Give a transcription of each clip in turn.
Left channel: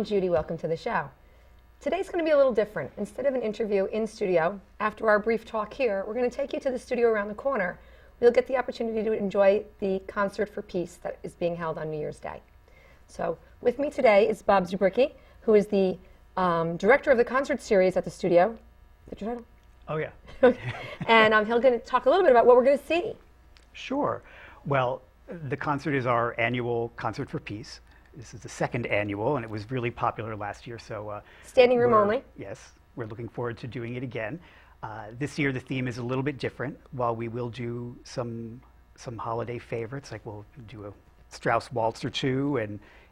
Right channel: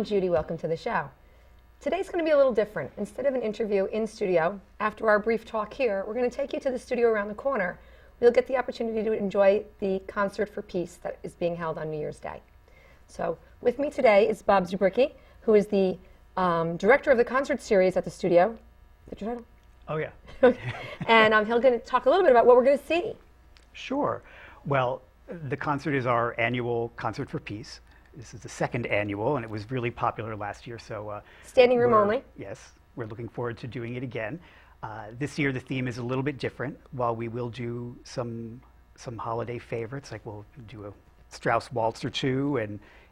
I'm Judy. Welcome to the show. Today's going to be a little different. Instead of an interview in studio, after our brief talk here, we're going to take you to the studio around the corner. You'll get the opportunity to enjoy the Concert for Peace that is being held on New Year's Day. So with me today is Bob Zubrycki, who is the director of the concert series at the studio. Is that your title? Oh, yeah. And he's going to talk a little bit about what we're going to see. Sure. Well, the concert is our annual Concert for Peace. This is the second annual, and it was really popular last year. So standing room only? Yes. We're looking forward to doing it again. This year, the theme is a little bit different. While we will do some holiday favorites, like we'll do a Strauss waltz or two,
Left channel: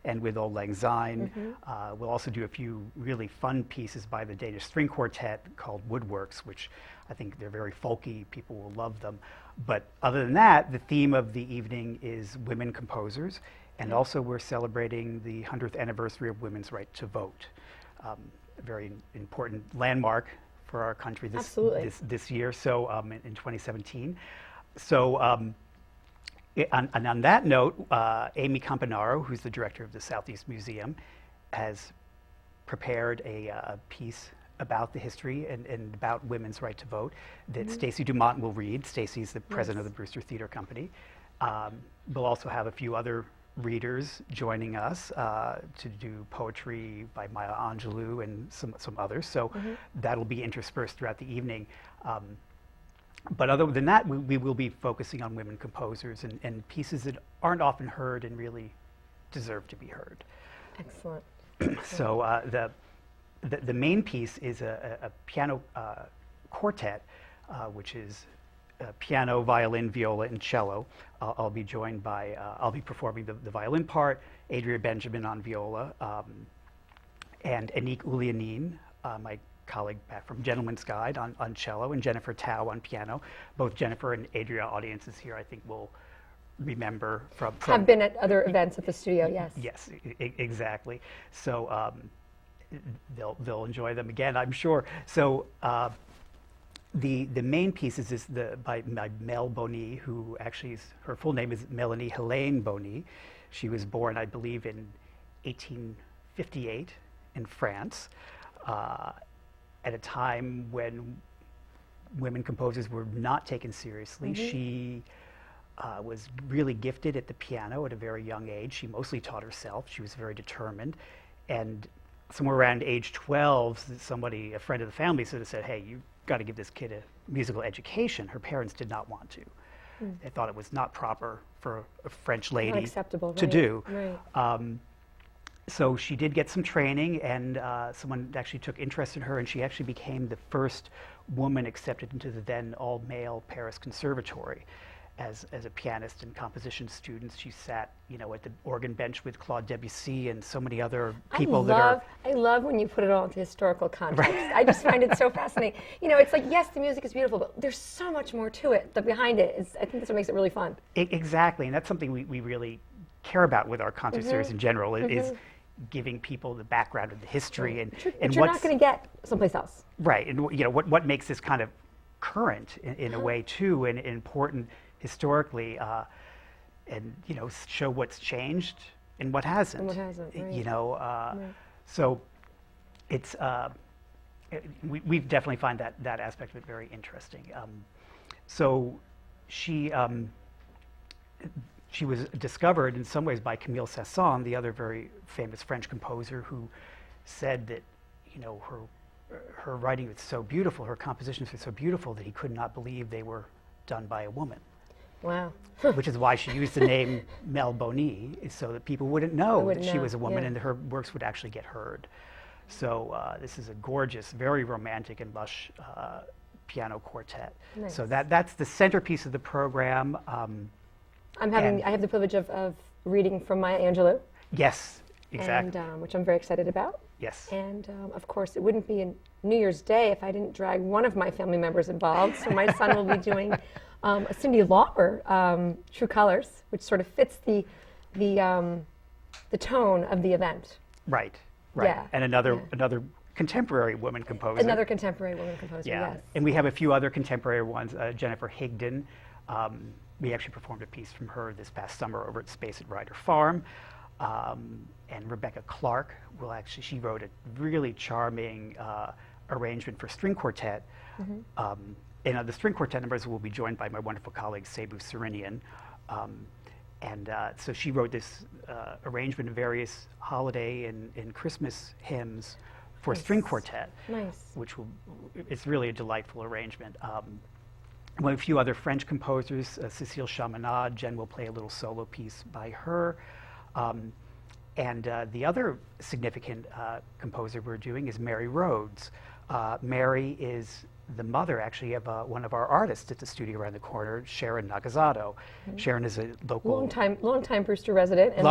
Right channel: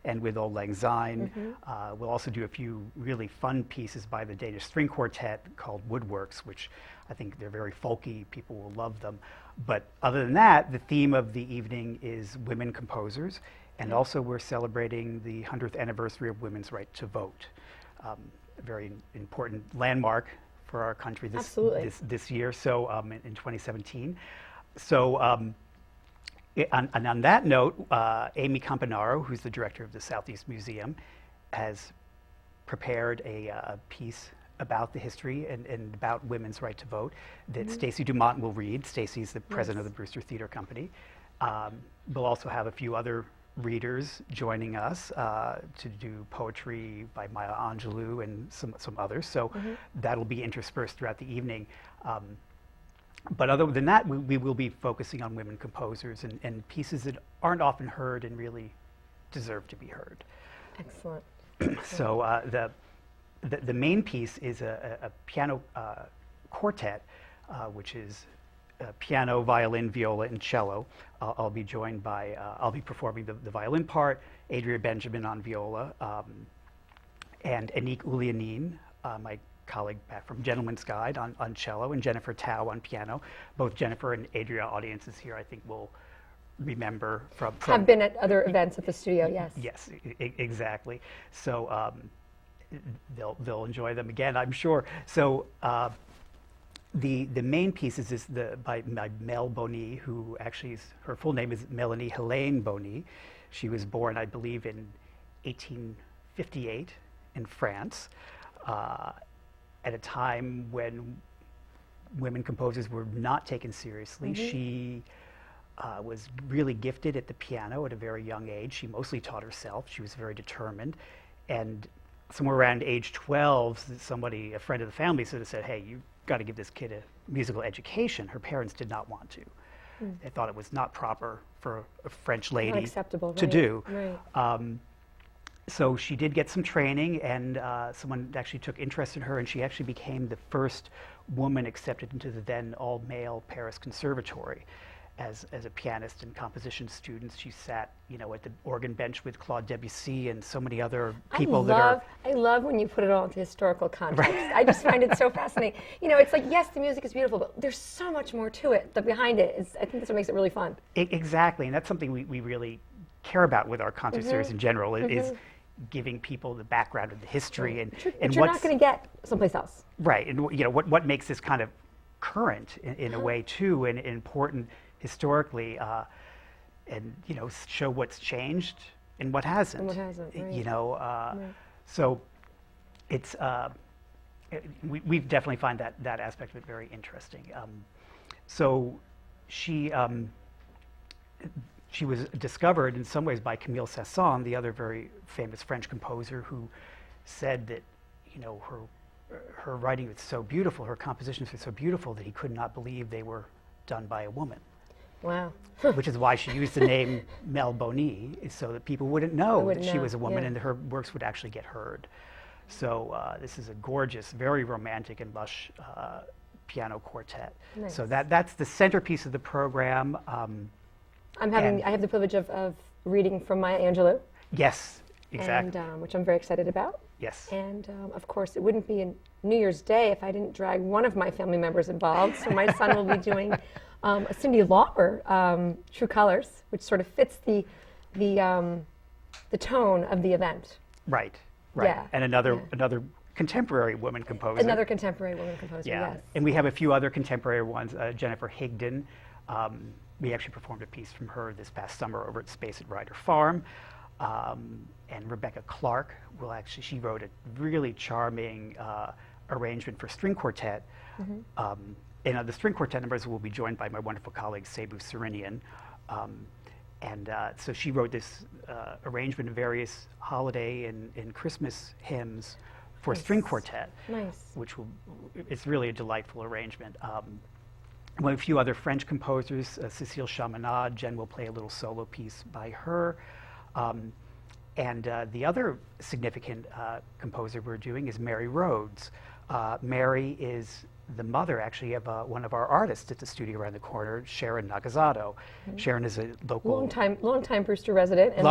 and with Auld Lang Syne. We'll also do a few really fun pieces by the Danish String Quartet called Woodworks, which I think they're very folky. People will love them. But other than that, the theme of the evening is women composers, and also we're celebrating the 100th anniversary of women's right to vote. A very important landmark for our country this year, so in 2017. So on that note, Amy Campanaro, who's the director of the Southeast Museum, has prepared a piece about the history and about women's right to vote that Stacy Dumont will read. Stacy's the president of the Brewster Theater Company. We'll also have a few other readers joining us to do poetry by Maya Angelou and some others. So that'll be interspersed throughout the evening. But other than that, we will be focusing on women composers and pieces that aren't often heard and really deserve to be heard. Excellent. So the main piece is a piano quartet, which is piano, violin, viola, and cello. I'll be joined by, I'll be performing the violin part, Adria Benjamin on viola, and Anik Ulianin, my colleague back from Gentleman's Guide on cello, and Jennifer Tao on piano. Both Jennifer and Adria audiences here, I think, will remember from have been at other events at the studio, yes. Yes, exactly. So they'll enjoy them again, I'm sure. So the main piece is by Mel Boni, who actually her full name is Melanie Helene Boni. She was born, I believe, in 1858 in France. At a time when women composers were not taken seriously. She was really gifted at the piano at a very young age. She mostly taught herself. She was very determined. And somewhere around age 12, somebody, a friend of the family, sort of said, hey, you've got to give this kid a musical education. Her parents did not want to. They thought it was not proper for a French lady to do. Right. So she did get some training, and someone actually took interest in her, and she actually became the first woman accepted into the then all-male Paris Conservatory as a pianist and composition student. She sat, at the organ bench with Claude Debussy and so many other people I love when you put it all into historical context. Right. I just find it so fascinating. It's like, yes, the music is beautiful, but there's so much more to it. Behind it is, I think that's what makes it really fun. Exactly, and that's something we really care about with our concert series in general, is giving people the background of the history and you're not going to get someplace else. Right, and what makes this kind of current in a way too, and important historically, and show what's changed and what hasn't. And what hasn't, right. So it's we definitely find that aspect of it very interesting. So she was discovered in some ways by Camille Saint-Saëns, the other very famous French composer, who said that her writing was so beautiful, her compositions were so beautiful that he could not believe they were done by a woman. Wow. Which is why she used the name Mel Boni, so that people wouldn't know that she was a woman, and her works would actually get heard. So this is a gorgeous, very romantic and lush piano quartet. Nice. So that's the centerpiece of the program. I have the privilege of reading from Maya Angelou. Yes, exactly. And, which I'm very excited about. Yes. And of course, it wouldn't be a New Year's Day if I didn't drag one of my family members involved. So my son will be doing a Cyndi Lauper, True Colors, which sort of fits the tone of the event. Right. Yeah. And another contemporary woman composer. Another contemporary woman composer, yes. And we have a few other contemporary ones. Jennifer Higdon. We actually performed a piece from her this past summer over at Space at Ryder Farm. And Rebecca Clarke will actually, she wrote a really charming arrangement for string quartet. And the string quartet members will be joined by my wonderful colleague, Sebu Serinian. So she wrote this arrangement of various holiday and Christmas hymns for string quartet, which it's really a delightful arrangement. A few other French composers, Cécile Chaminade, Jen will play a little solo piece by her. The other significant composer we're doing is Mary Rhoads. Mary is the mother, actually, of one of our artists at the studio around the corner, Sharon Nagasato. Sharon is a local... Long-time Brewster resident and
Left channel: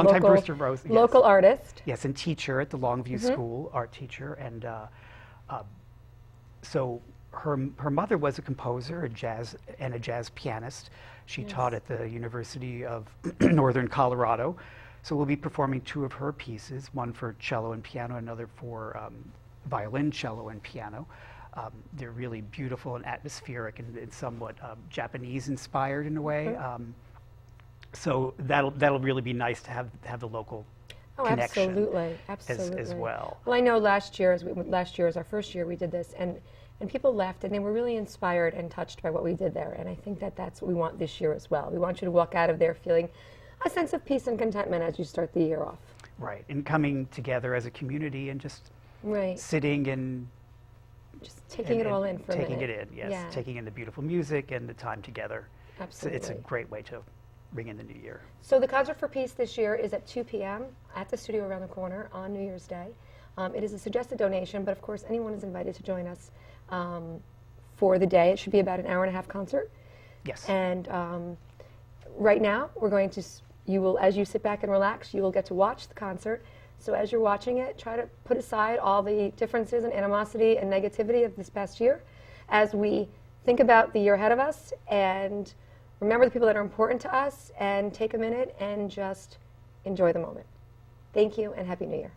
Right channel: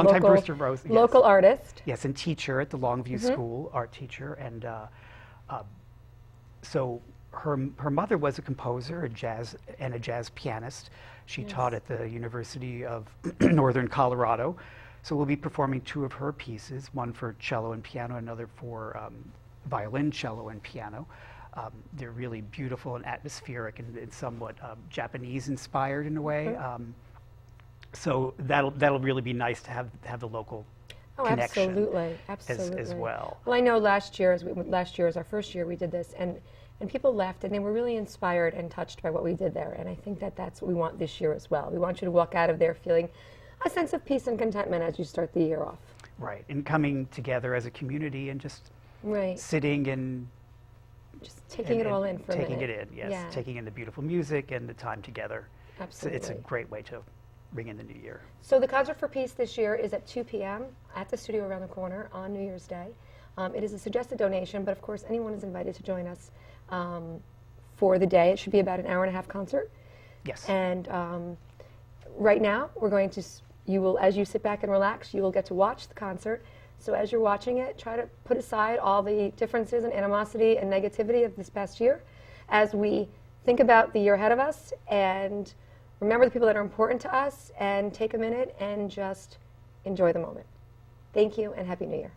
local artist. Yes, and teacher at the Longview School, art teacher. And so her mother was a composer, a jazz pianist. She taught at the University of Northern Colorado. So we'll be performing two of her pieces, one for cello and piano, another for violin, cello, and piano. They're really beautiful and atmospheric and somewhat Japanese-inspired in a way. So that'll really be nice to have the local connection. Absolutely. As well. Well, I know last year is our first year we did this, and people left and they were really inspired and touched by what we did there. And I think that's what we want this year as well. We want you to walk out of there feeling a sense of peace and contentment as you start the year off. Right, and coming together as a community and just sitting and just taking it all in for a minute. Taking it in, yes. Yeah. Taking in the beautiful music and the time together. Absolutely. It's a great way to bring in the new year. So the Concert for Peace this year is at 2 p.m. at the studio around the corner on New Year's Day. It is a suggested donation, but of course anyone is invited to join us for the day. It should be about an hour-and-a-half concert. Yes. And right now, we're going to, as you sit back and relax, you will get to watch the concert. So as you're watching it, try to put aside all the differences and animosity and negativity of this past year as we think about the year ahead of us and remember the people that are important to us and take a minute and just enjoy the moment. Thank you and Happy New Year.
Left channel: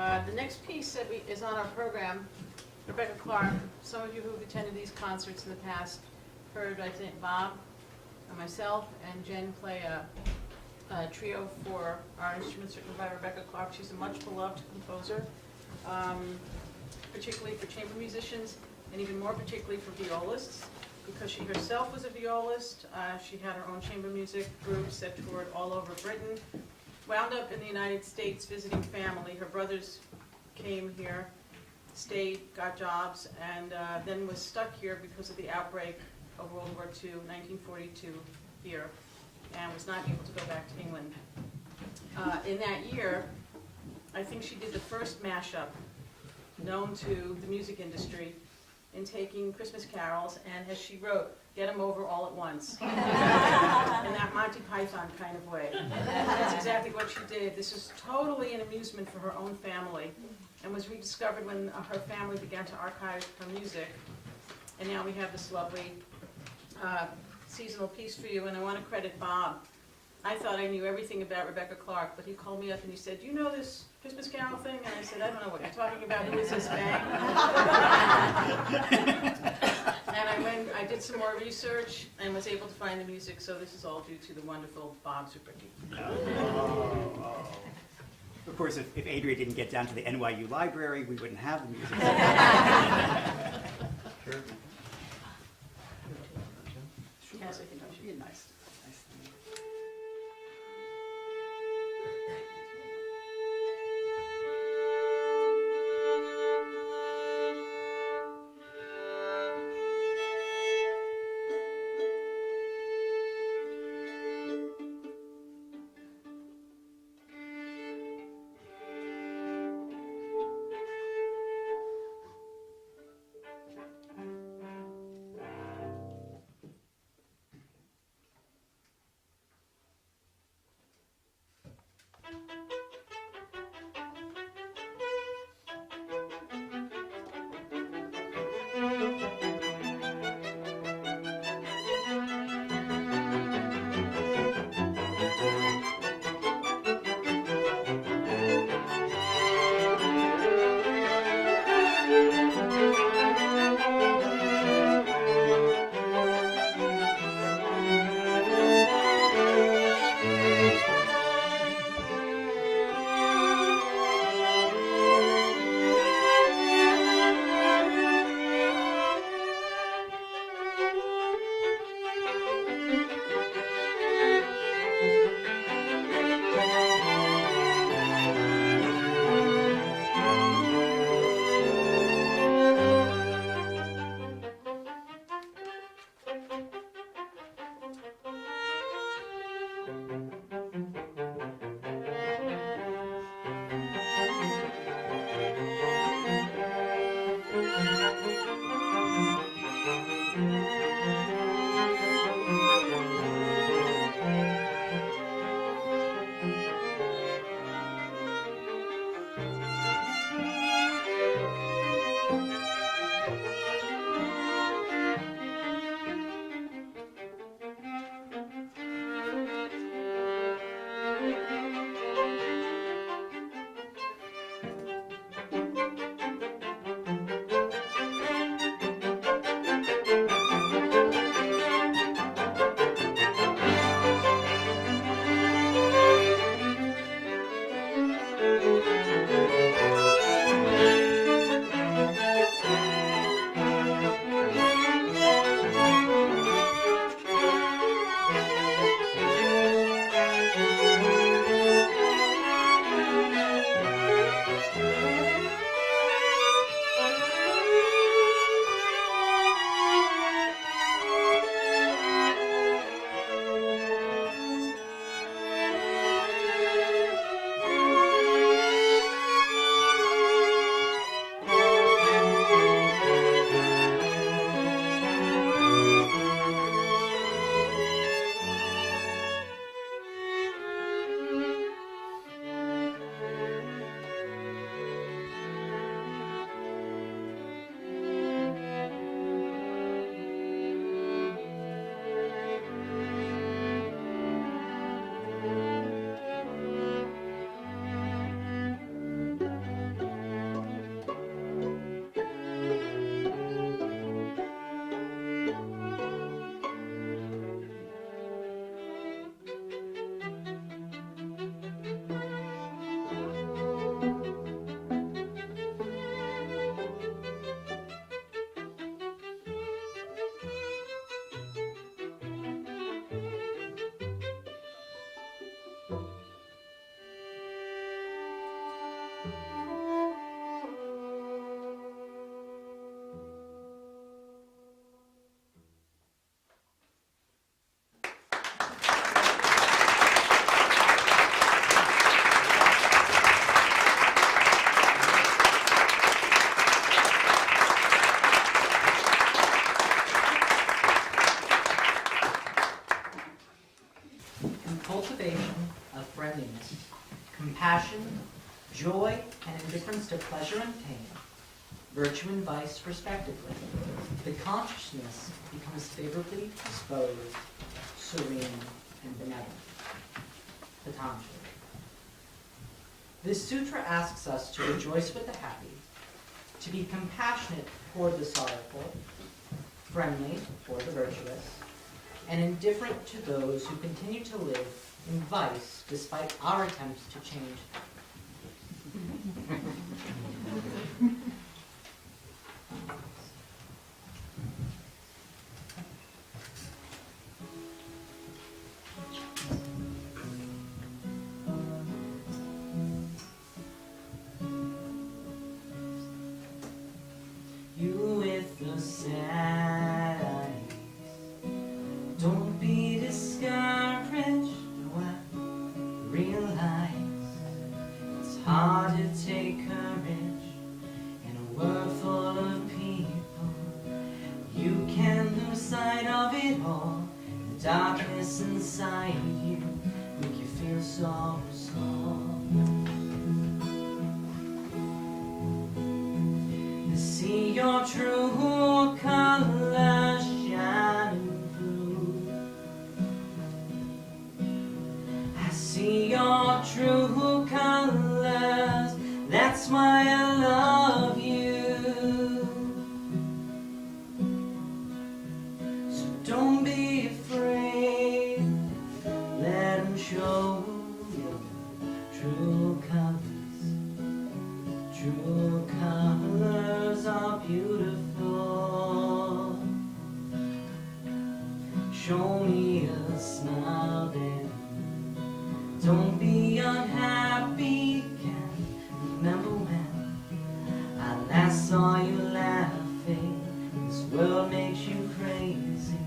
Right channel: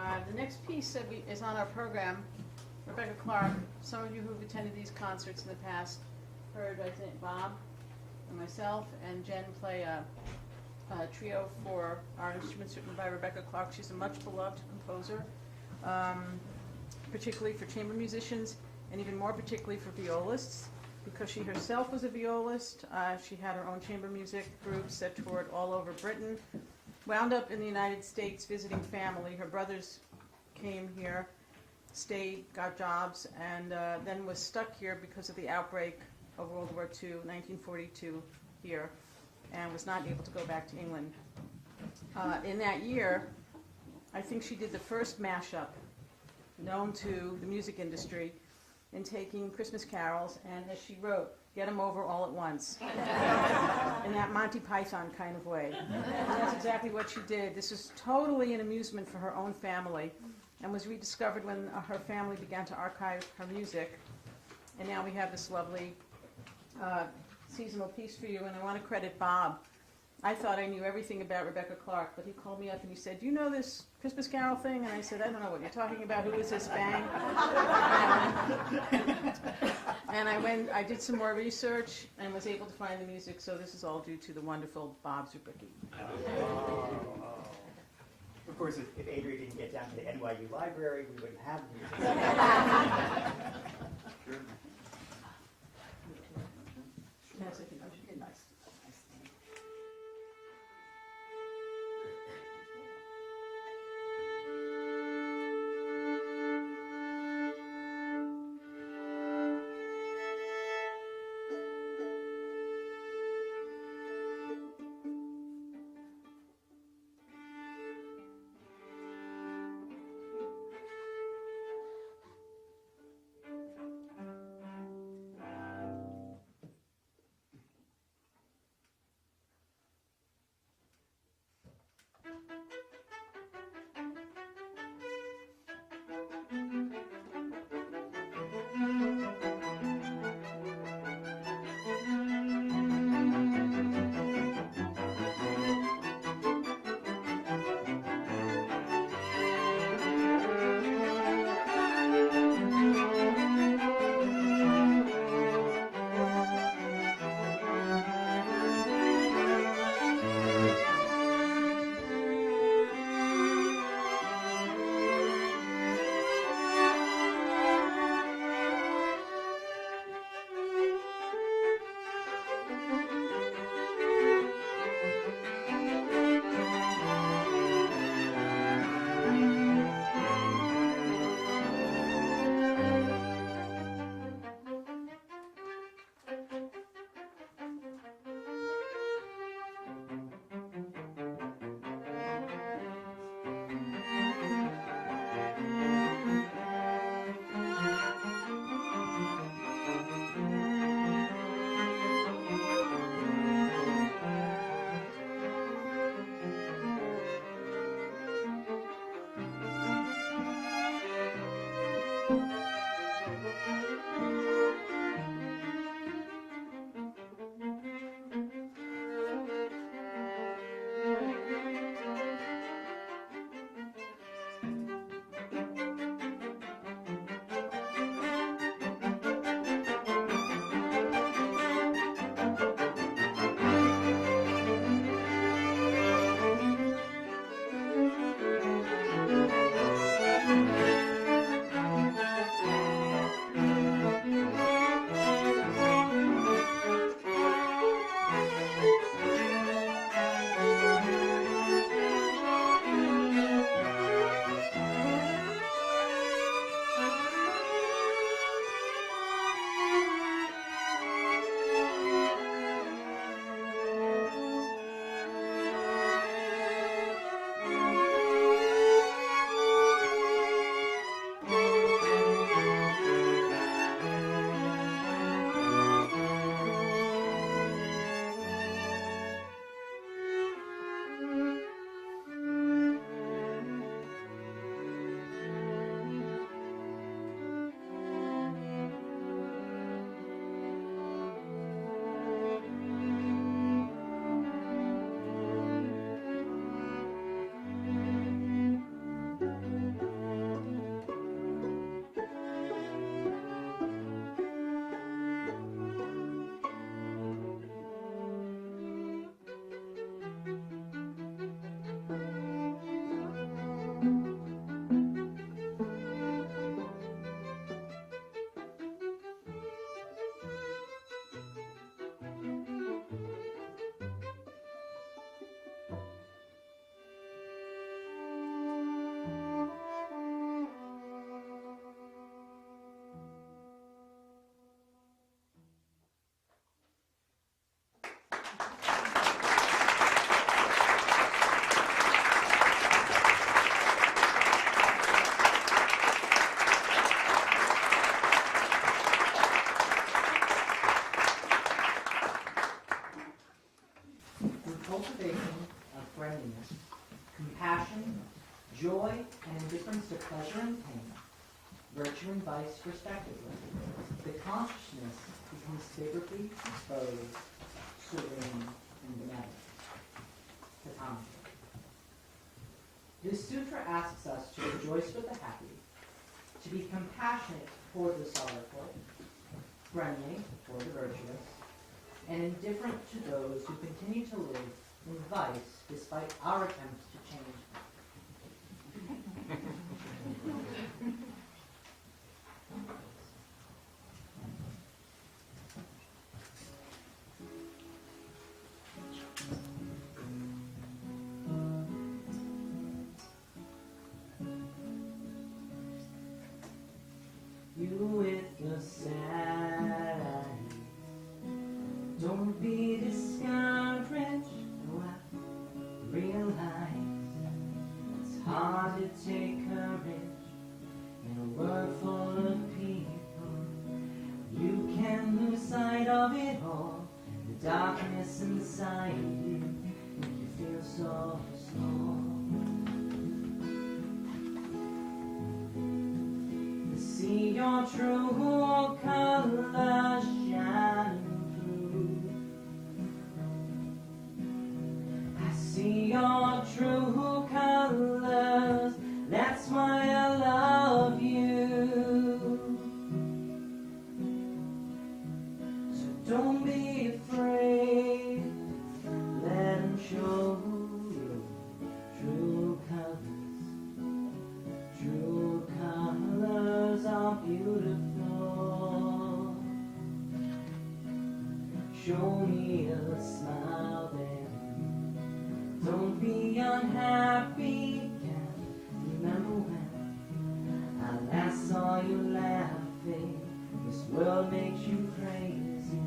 The next piece that is on our program, Rebecca Clarke. Some of you who've attended these concerts in the past heard, I think, Bob and myself and Jen play a trio for our instruments written by Rebecca Clarke. She's a much beloved composer, particularly for chamber musicians, and even more particularly for violists, because she herself was a violist. She had her own chamber music groups that toured all over Britain, wound up in the United States visiting family. Her brothers came here, stayed, got jobs, and then was stuck here because of the outbreak of World War II, 1942 here, and was not able to go back to England. In that year, I think she did the first mashup known to the music industry in taking Christmas carols, and as she wrote, get them over all at once. In that Monty Python kind of way. And that's exactly what she did. This was totally an amusement for her own family, and was rediscovered when her family began to archive her music. And now we have this lovely seasonal piece for you, and I want to credit Bob. I thought I knew everything about Rebecca Clarke, but he called me up and he said, "Do you know this Christmas Carol thing?" And I said, "I don't know what you're talking about. Who is this bang?" And I did some more research and was able to find the music, so this is all due to the wonderful Bob Zubrycki. Of course, if Adria didn't get down to the NYU library, we wouldn't have the music. Sure. Yes, I think she did nice. and indifference to pleasure and pain, virtue and vice respectively, the consciousness becomes favorably disposed, serene, and benevolent. Patanjali. This sutra asks us to rejoice with the happy, to be compassionate toward the sorrowful, friendly toward the virtuous, and indifferent to those who continue to live in vice despite our attempts to change them. You with the sad eyes, don't be discouraged. No, I realize it's hard to take courage in a world full of people. You can lose sight of it all. The darkness inside you make you feel so small. See your true colors shining through. I see your true colors, that's why I love you. So don't be afraid, let them show you true colors. True colors are beautiful. Show me a smile then. Don't be unhappy again. Remember when I last saw you laughing? This world makes you crazy.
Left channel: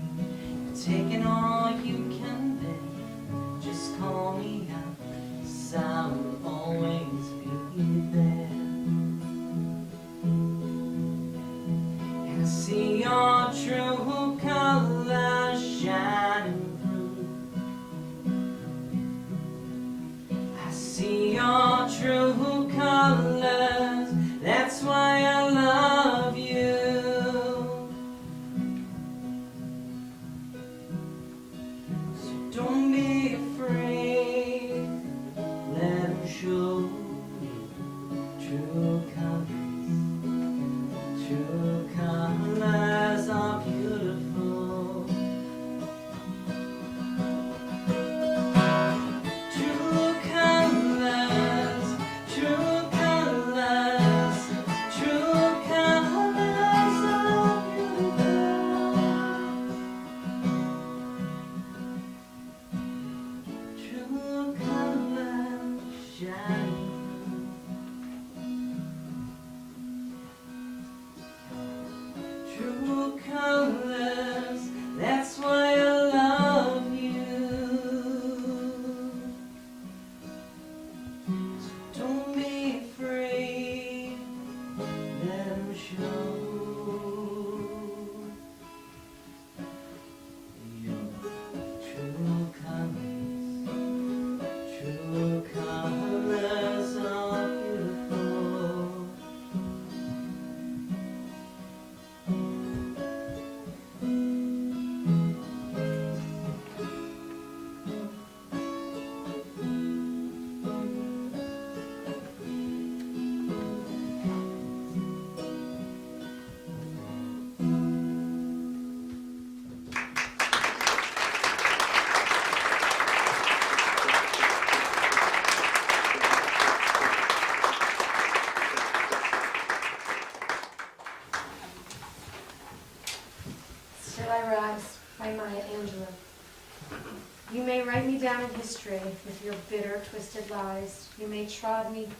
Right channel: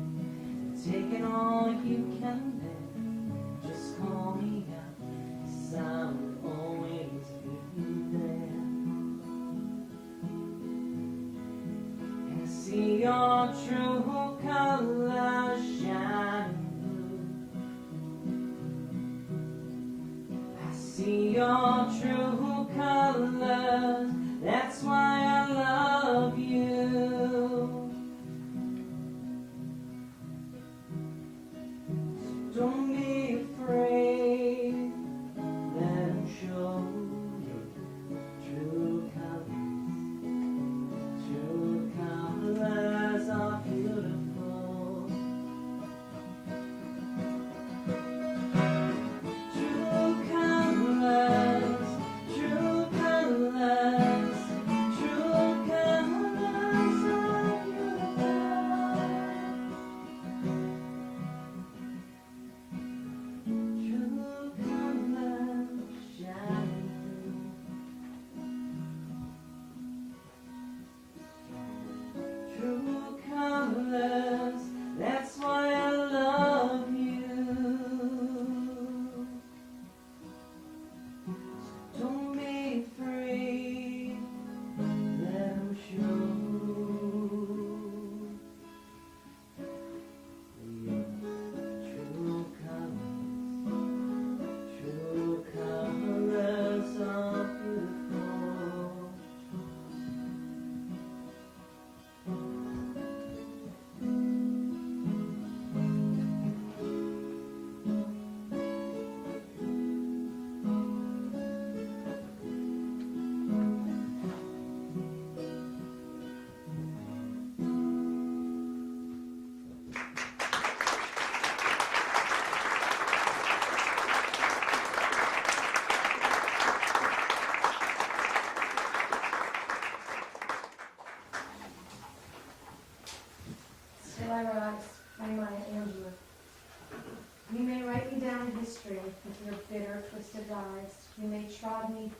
You're taking all you can bear. Just call me out, so I will always be there. See your true colors shining through. I see your true colors, that's why I love you. So don't be afraid, let them show you true colors. True colors are beautiful. True colors, true colors, true colors are beautiful. True colors shine. True colors, that's why I love you. So don't be afraid, let them show you true colors. True colors are beautiful. Still I rise, by Maya Angelou. You may write me down in history with your bitter, twisted lies. You may trod me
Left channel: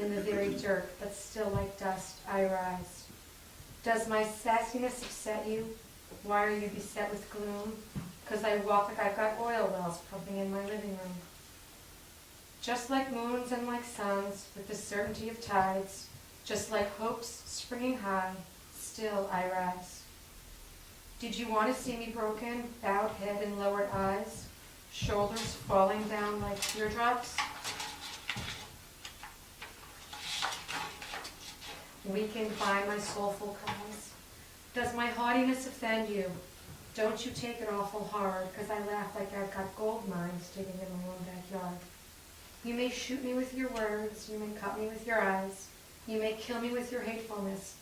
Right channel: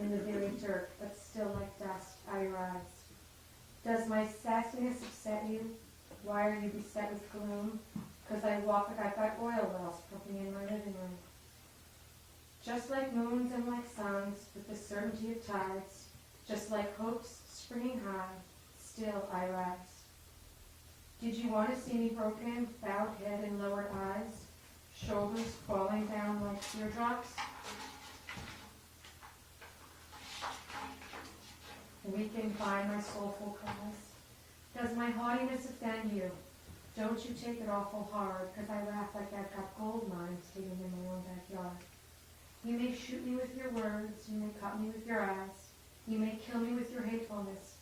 in the very dirt, but still like dust I rise. Does my sassiness upset you? Why are you beset with gloom? 'Cause I walk like I've got oil wells pumping in my living room. Just like moons and like suns, with the certainty of tides, just like hopes springing high, still I rise. Did you want to see me broken, bowed head and lowered eyes, shoulders falling down like teardrops? weakened by my soulful cries. Does my haughtiness offend you? Don't you take it awful hard, 'cause I laugh like I've got gold mines digging in my own backyard. You may shoot me with your words, you may cut me with your eyes, you may kill me with your hatefulness,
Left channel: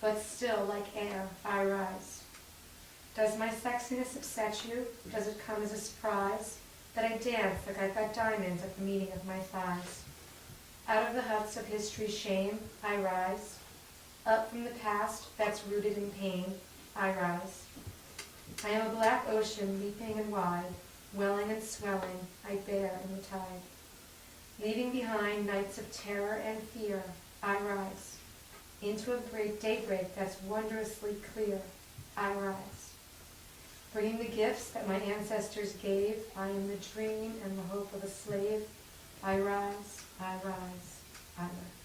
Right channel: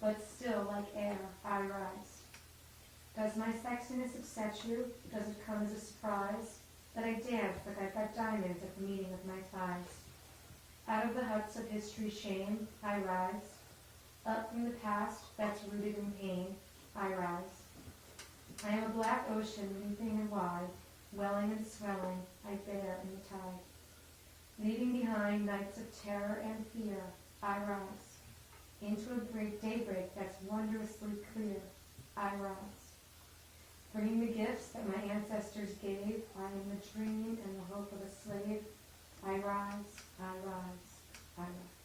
but still, like air, I rise. Does my sexiness upset you? Does it come as a surprise that I dance like I've got diamonds at the meeting of my thighs? Out of the huts of history's shame, I rise. Up from the past that's rooted in pain, I rise. I am a black ocean leaping and wide, welling and swelling, I bear in the tide. Leaving behind nights of terror and fear, I rise. Into a daybreak that's wondrously clear, I rise. Bringing the gifts that my ancestors gave, I am the dream and the hope of a slave. I rise, I rise, I rise.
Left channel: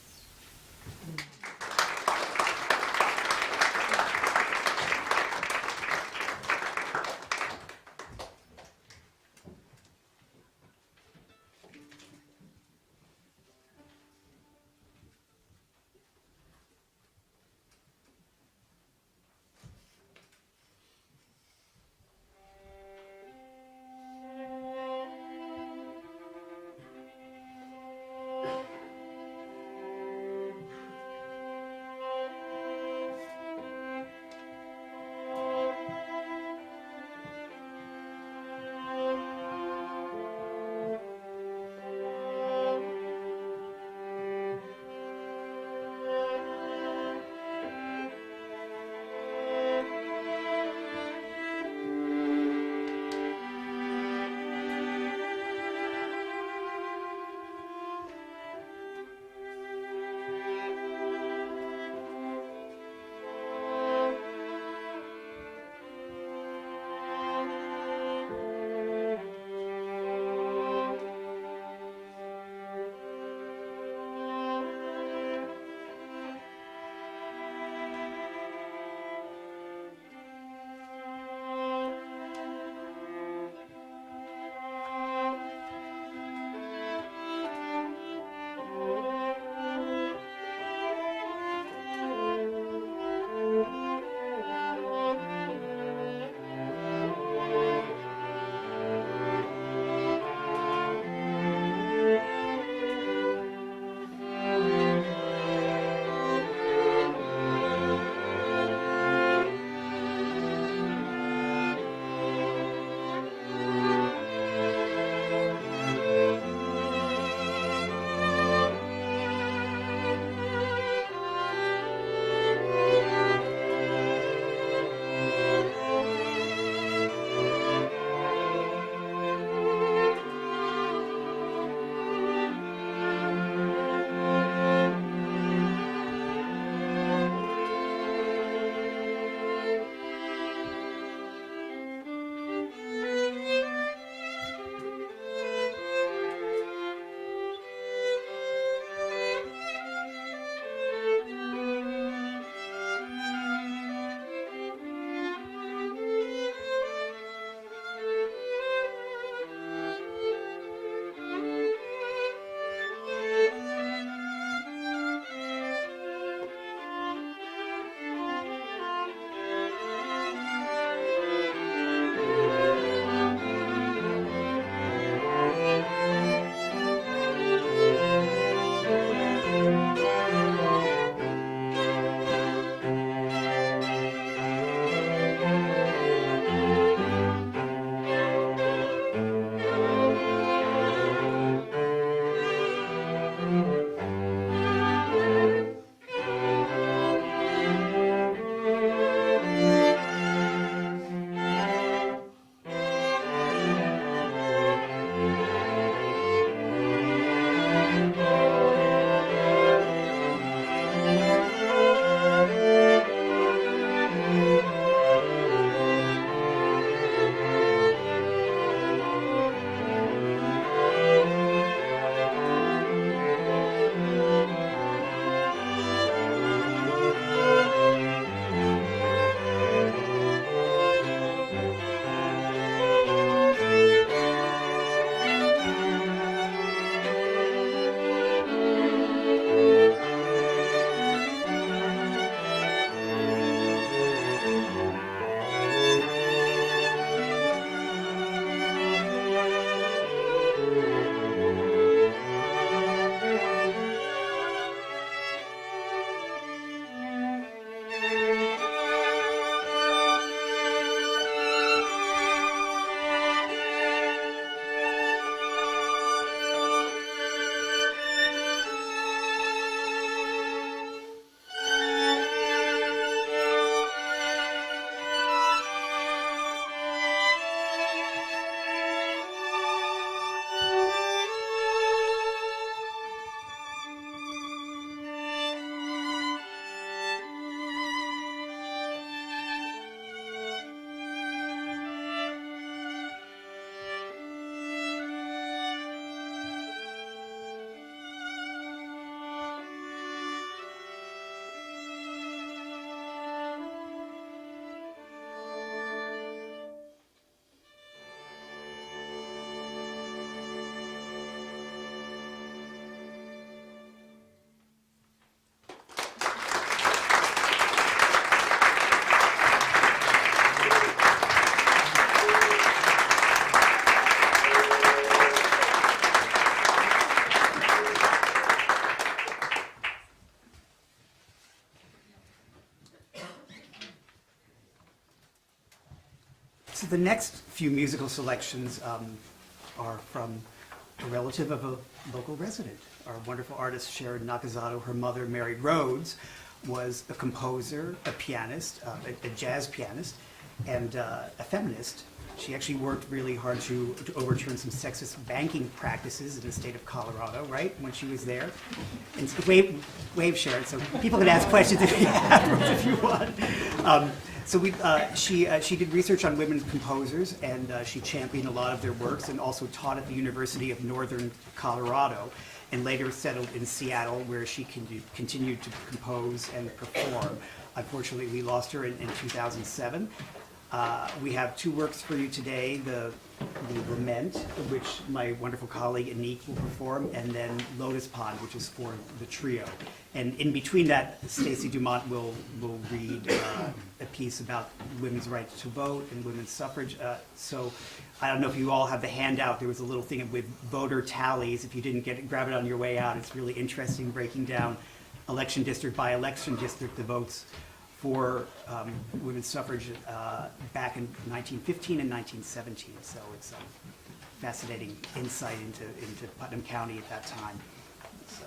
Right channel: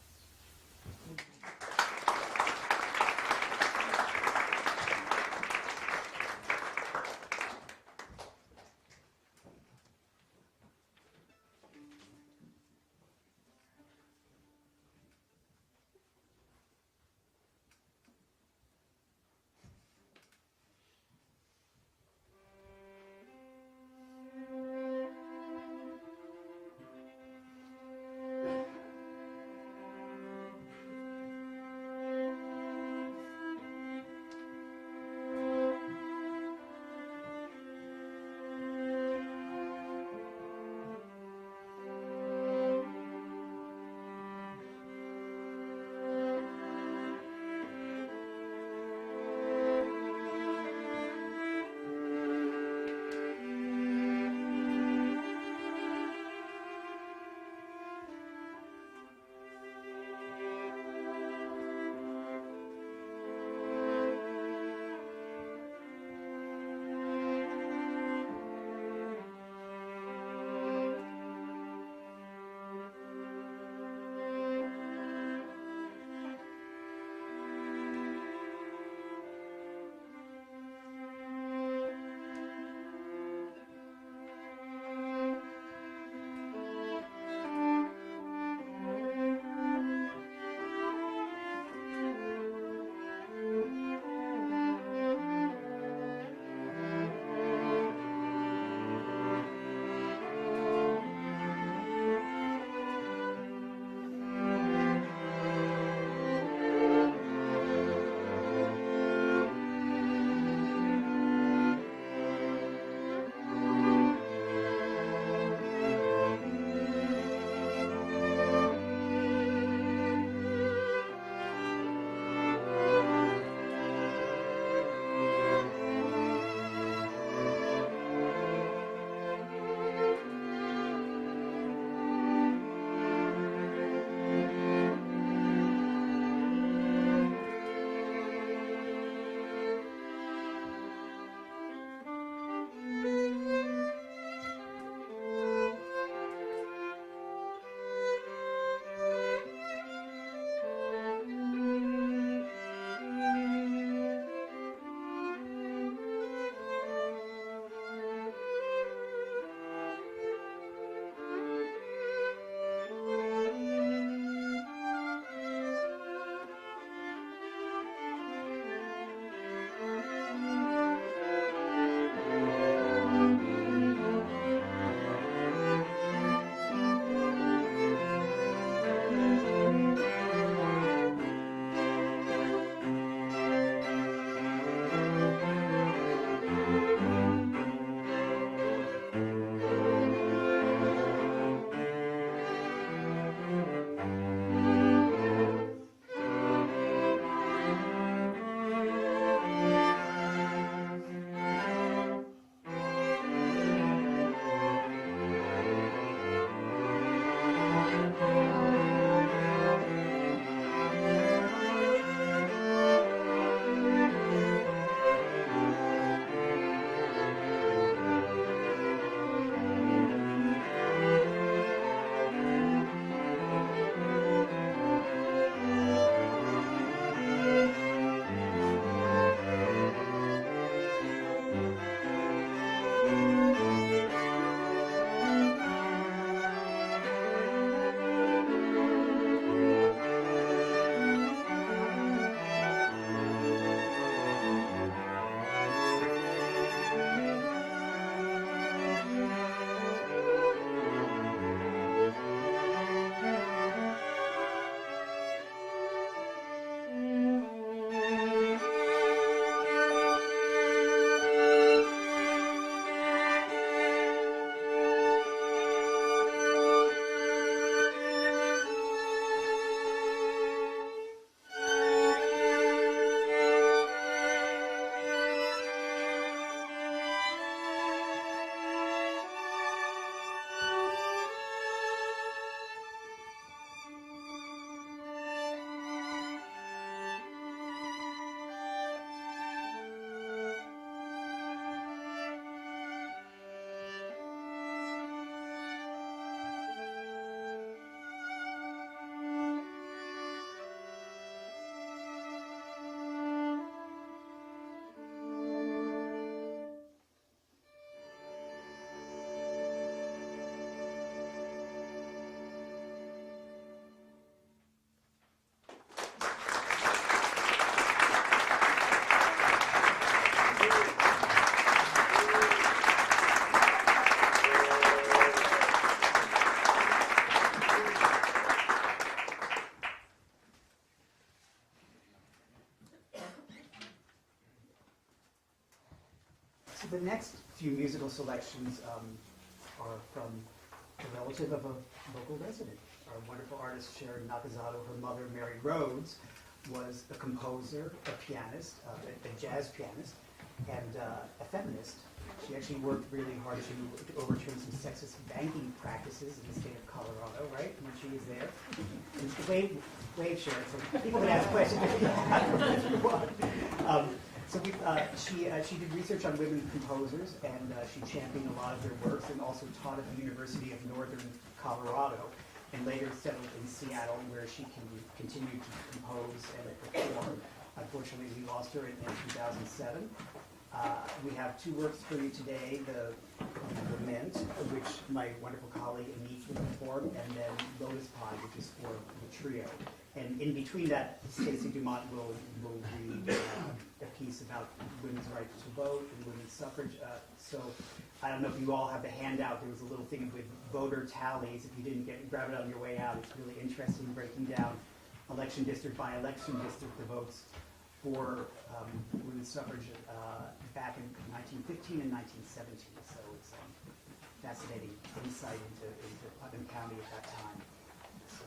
So the next few musical selections are from a relative of a local resident. Our wonderful artist Sharon Nakazato, her mother, Mary Rhoads, was a composer, a pianist, a jazz pianist, and a feminist. She actually worked really hard to overturn some sexist banking practices in the state of Colorado, right, when she was there. And so wave Sharon, so people can ask questions if you have, if you want. So she did research on women composers, and she championed a lot of their works, and also taught at the University of Northern Colorado, and later settled in Seattle, where she continued to compose and perform. Unfortunately, we lost her in 2007. We have two works for you today, the Lament, which my wonderful colleague Anique will perform, and then Lotus Pond, which is for the trio. And in between that, Stacy Dumont will read a piece about women's right to vote and women's suffrage. So I don't know if you all have the handout. There was a little thing with voter tallies. If you didn't get it, grab it on your way out. It's really interesting, breaking down election district by election district the votes for women's suffrage back in 1915 and 1917. So it's a fascinating insight into Putnam County at that time. So.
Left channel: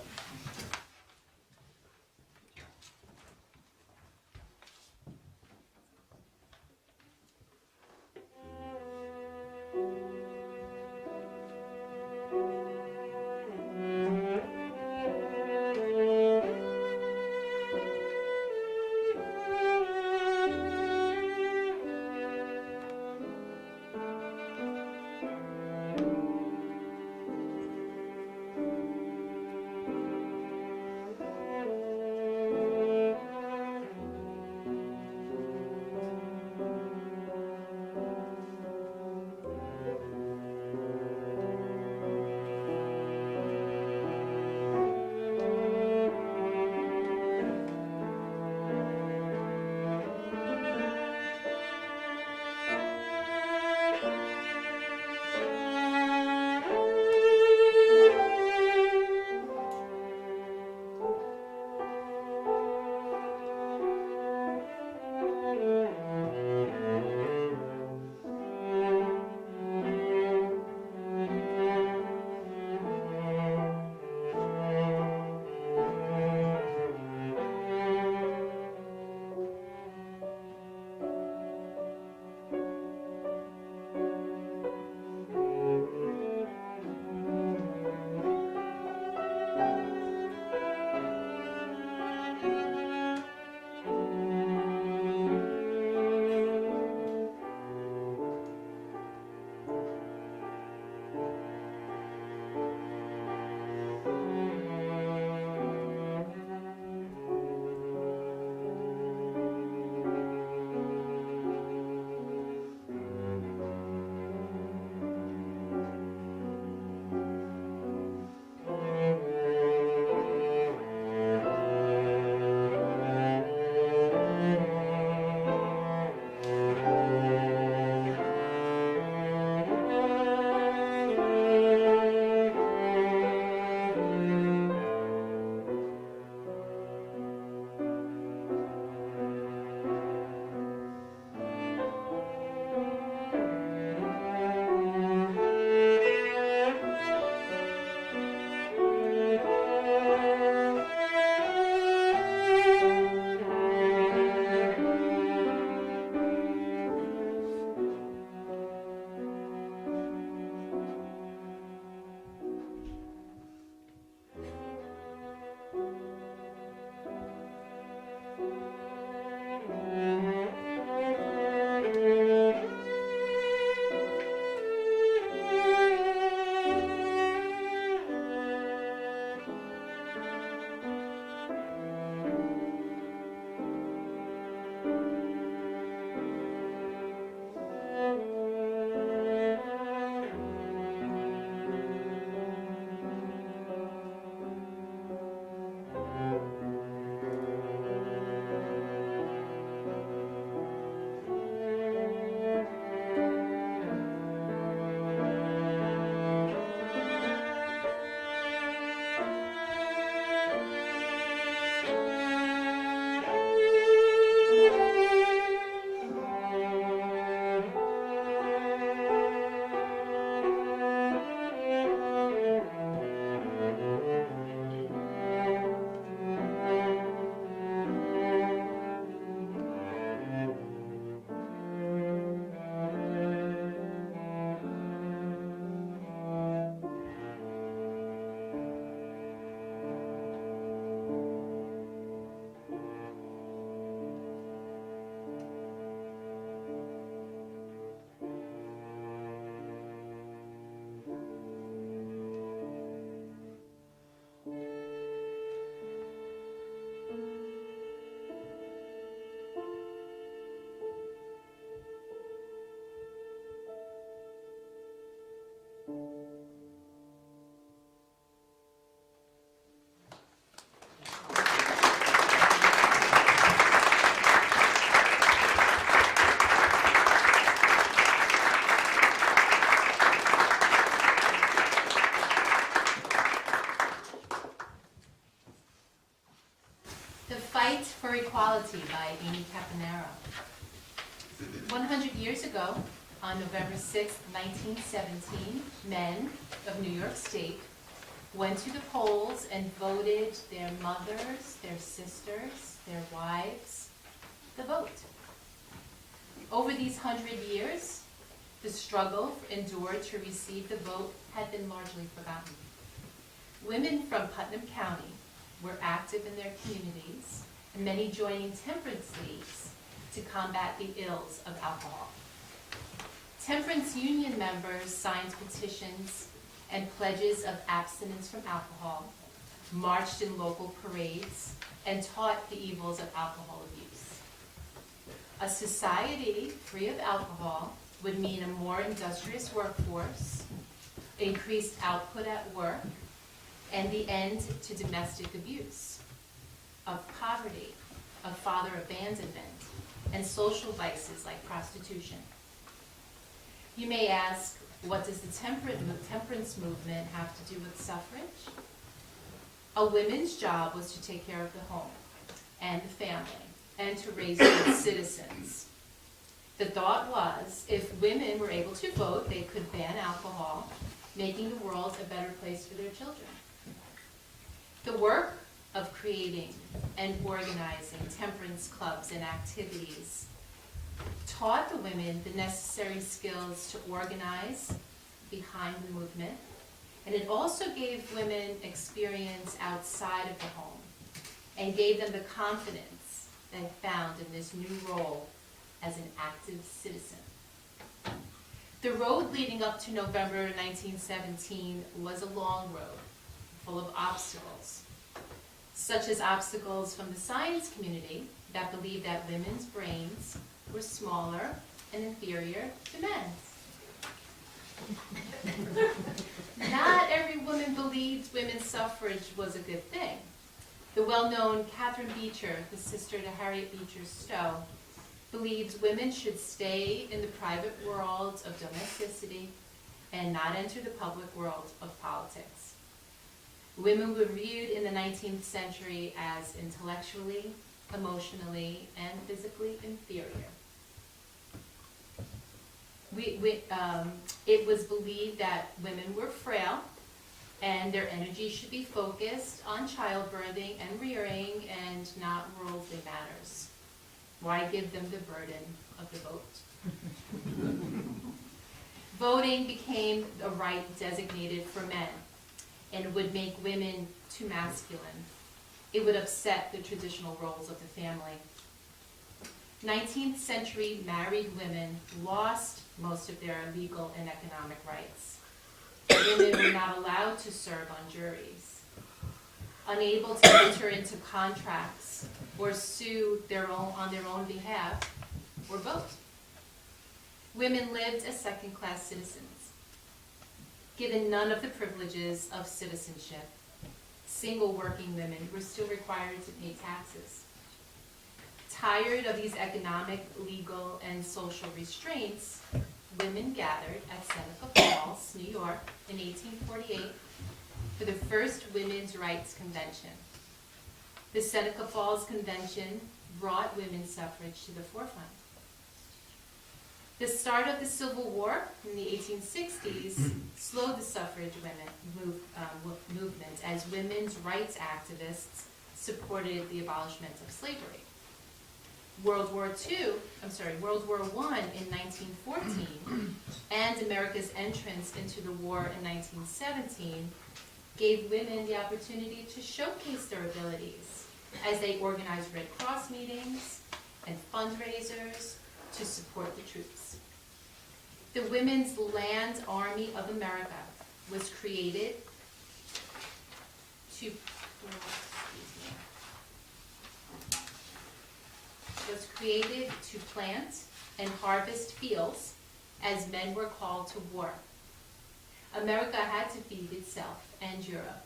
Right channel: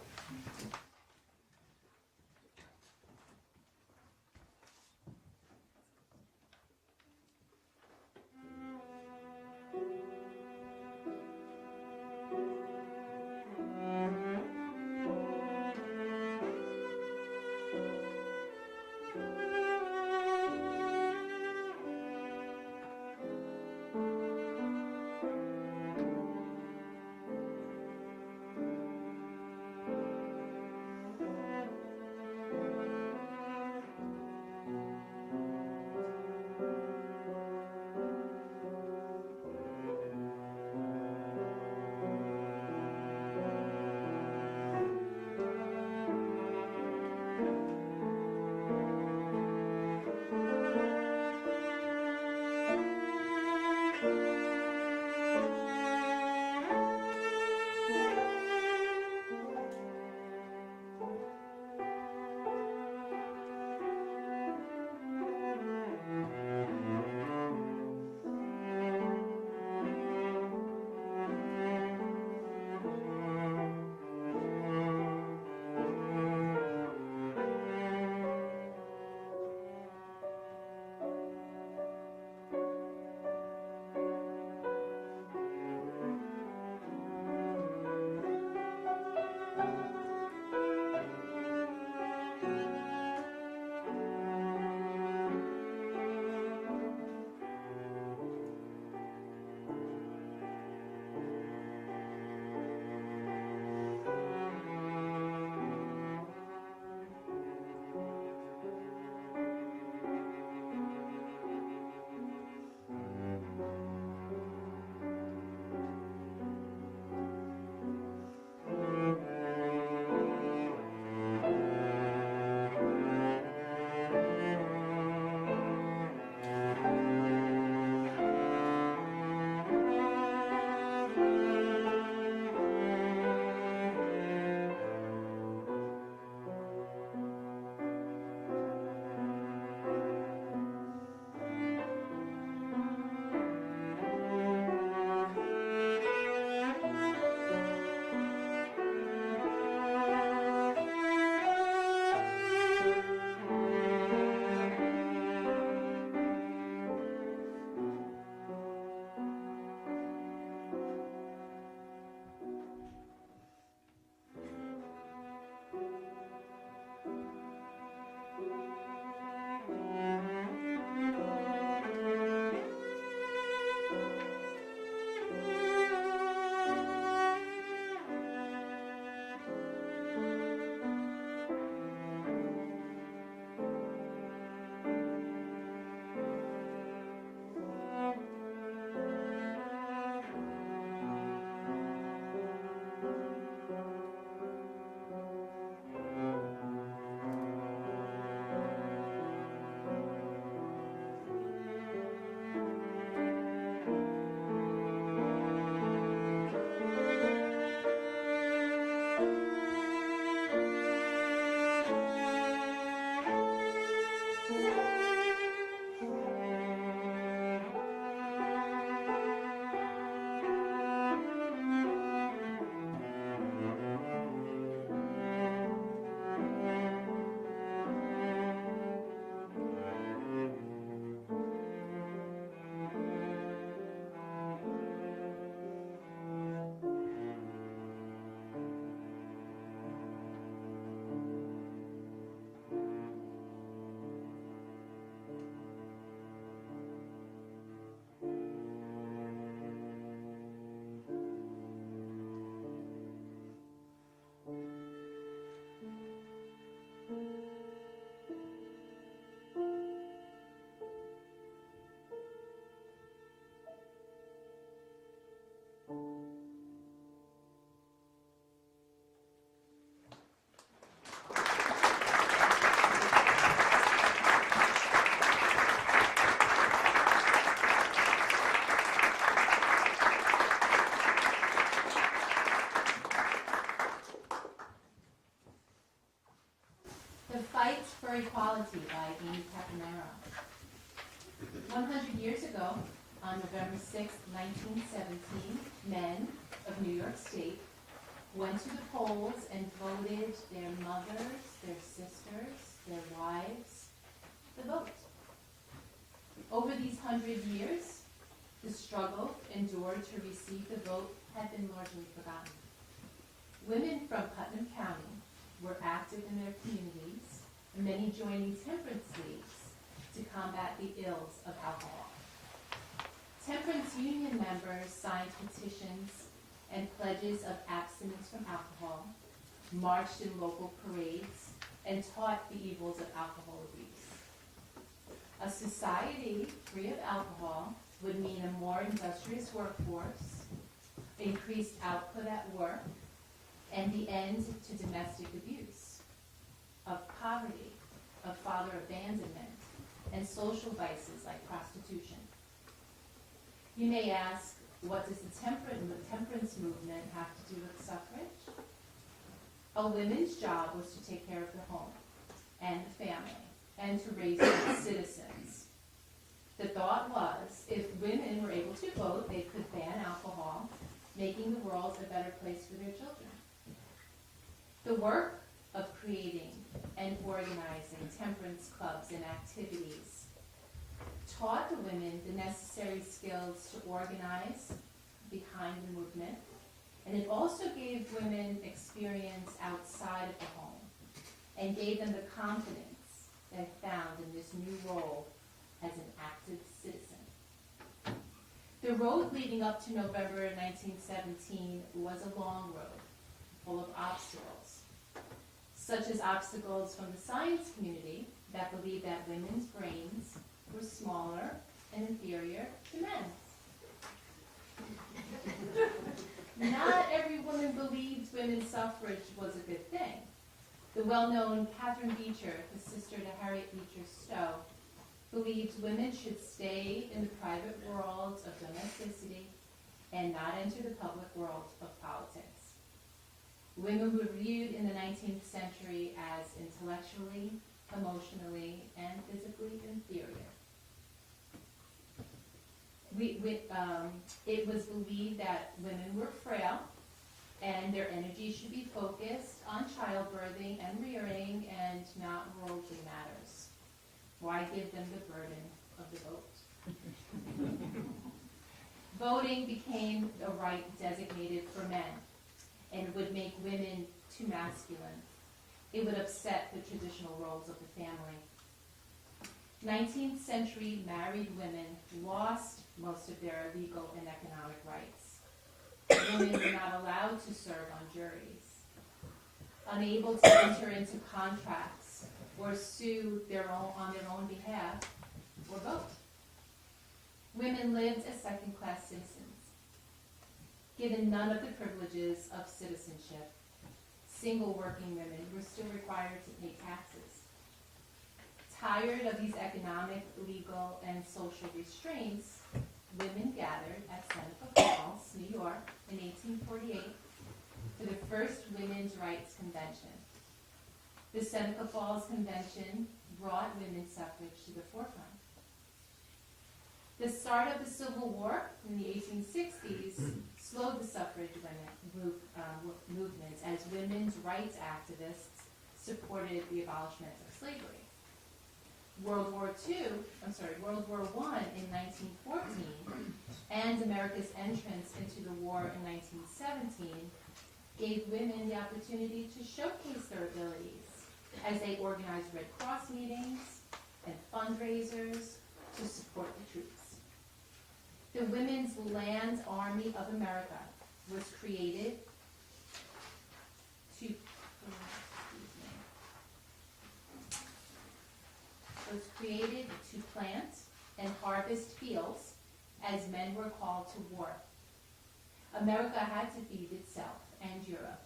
The Fight for Equality by Amy Campanaro. 100 years ago, on November 6, 1917, men of New York State went to the polls and voted their mothers, their sisters, their wives, the vote. Over these 100 years, the struggle endured to receive the vote had been largely forgotten. Women from Putnam County were active in their communities, and many joining temperance leagues to combat the ills of alcohol. Temperance union members signed petitions and pledges of abstinence from alcohol, marched in local parades, and taught the evils of alcohol abuse. A society free of alcohol would mean a more industrious workforce, increased output at work, and the end to domestic abuse, of poverty, of father abandonment, and social vices like prostitution. You may ask, what does the temperance movement have to do with suffrage? A woman's job was to take care of the home and the family and to raise good citizens. The thought was, if women were able to vote, they could ban alcohol, making the world a better place for their children. The work of creating and organizing temperance clubs and activities taught the women the necessary skills to organize behind the movement, and it also gave women experience outside of the home and gave them the confidence they found in this new role as an active citizen. The road leading up to November 1917 was a long road, full of obstacles, such as obstacles from the science community that believed that women's brains were smaller and inferior to men's. Not every woman believed women's suffrage was a good thing. The well-known Catherine Beecher, the sister to Harriet Beecher Stowe, believed women should stay in the private world of domesticity and not enter the public world of politics. Women were viewed in the 19th century as intellectually, emotionally, and physically inferior. It was believed that women were frail and their energy should be focused on childbirthing and rearing and not worldly matters. Why give them the burden of the vote? Voting became a right designated for men, and it would make women too masculine. It would upset the traditional roles of the family. 19th century married women lost most of their legal and economic rights. Women were not allowed to serve on juries, unable to enter into contracts or sue on their own behalf, or vote. Women lived as second-class citizens, given none of the privileges of citizenship. Single working women were still required to pay taxes. Tired of these economic, legal, and social restraints, women gathered at Seneca Falls, New York, in 1848 for the first Women's Rights Convention. The Seneca Falls Convention brought women's suffrage to the forefront. The start of the Civil War in the 1860s slowed the suffrage movement as women's rights activists supported the abolishment of slavery. World War I in 1914 and America's entrance into the war in 1917 gave women the opportunity to showcase their abilities as they organized Red Cross meetings and fundraisers to support the troops. The Women's Land Army of America was created to plant and harvest fields as men were called to war. America had to feed itself and Europe.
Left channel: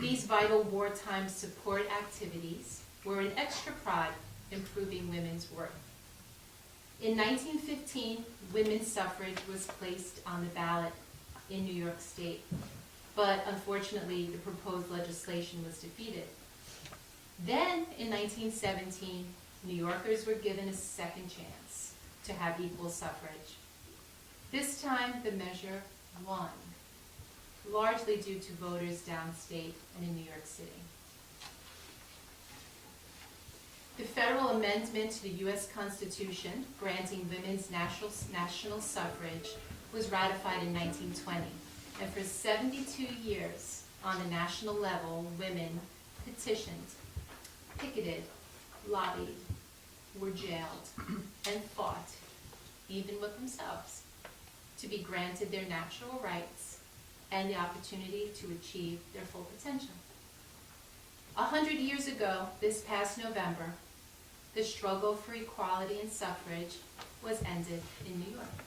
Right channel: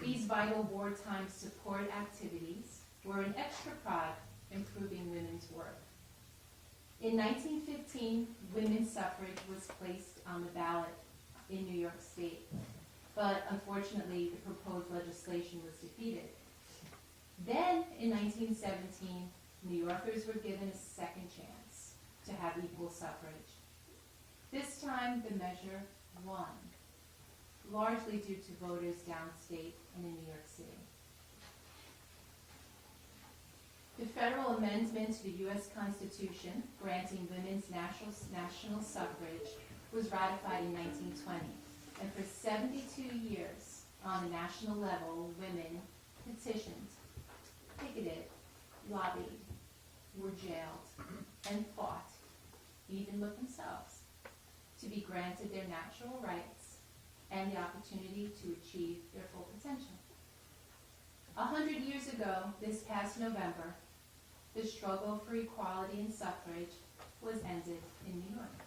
These vital wartime support activities were an extra prod improving women's worth. In 1915, women's suffrage was placed on the ballot in New York State, but unfortunately the proposed legislation was defeated. Then, in 1917, New Yorkers were given a second chance to have equal suffrage. This time, the measure won, largely due to voters downstate and in New York City. The federal amendment to the U.S. Constitution granting women's national suffrage was ratified in 1920, and for 72 years on the national level, women petitioned, picketed, lobbied, were jailed, and fought, even with themselves, to be granted their natural rights and the opportunity to achieve their full potential. 100 years ago, this past November, the struggle for equality and suffrage was ended in New York.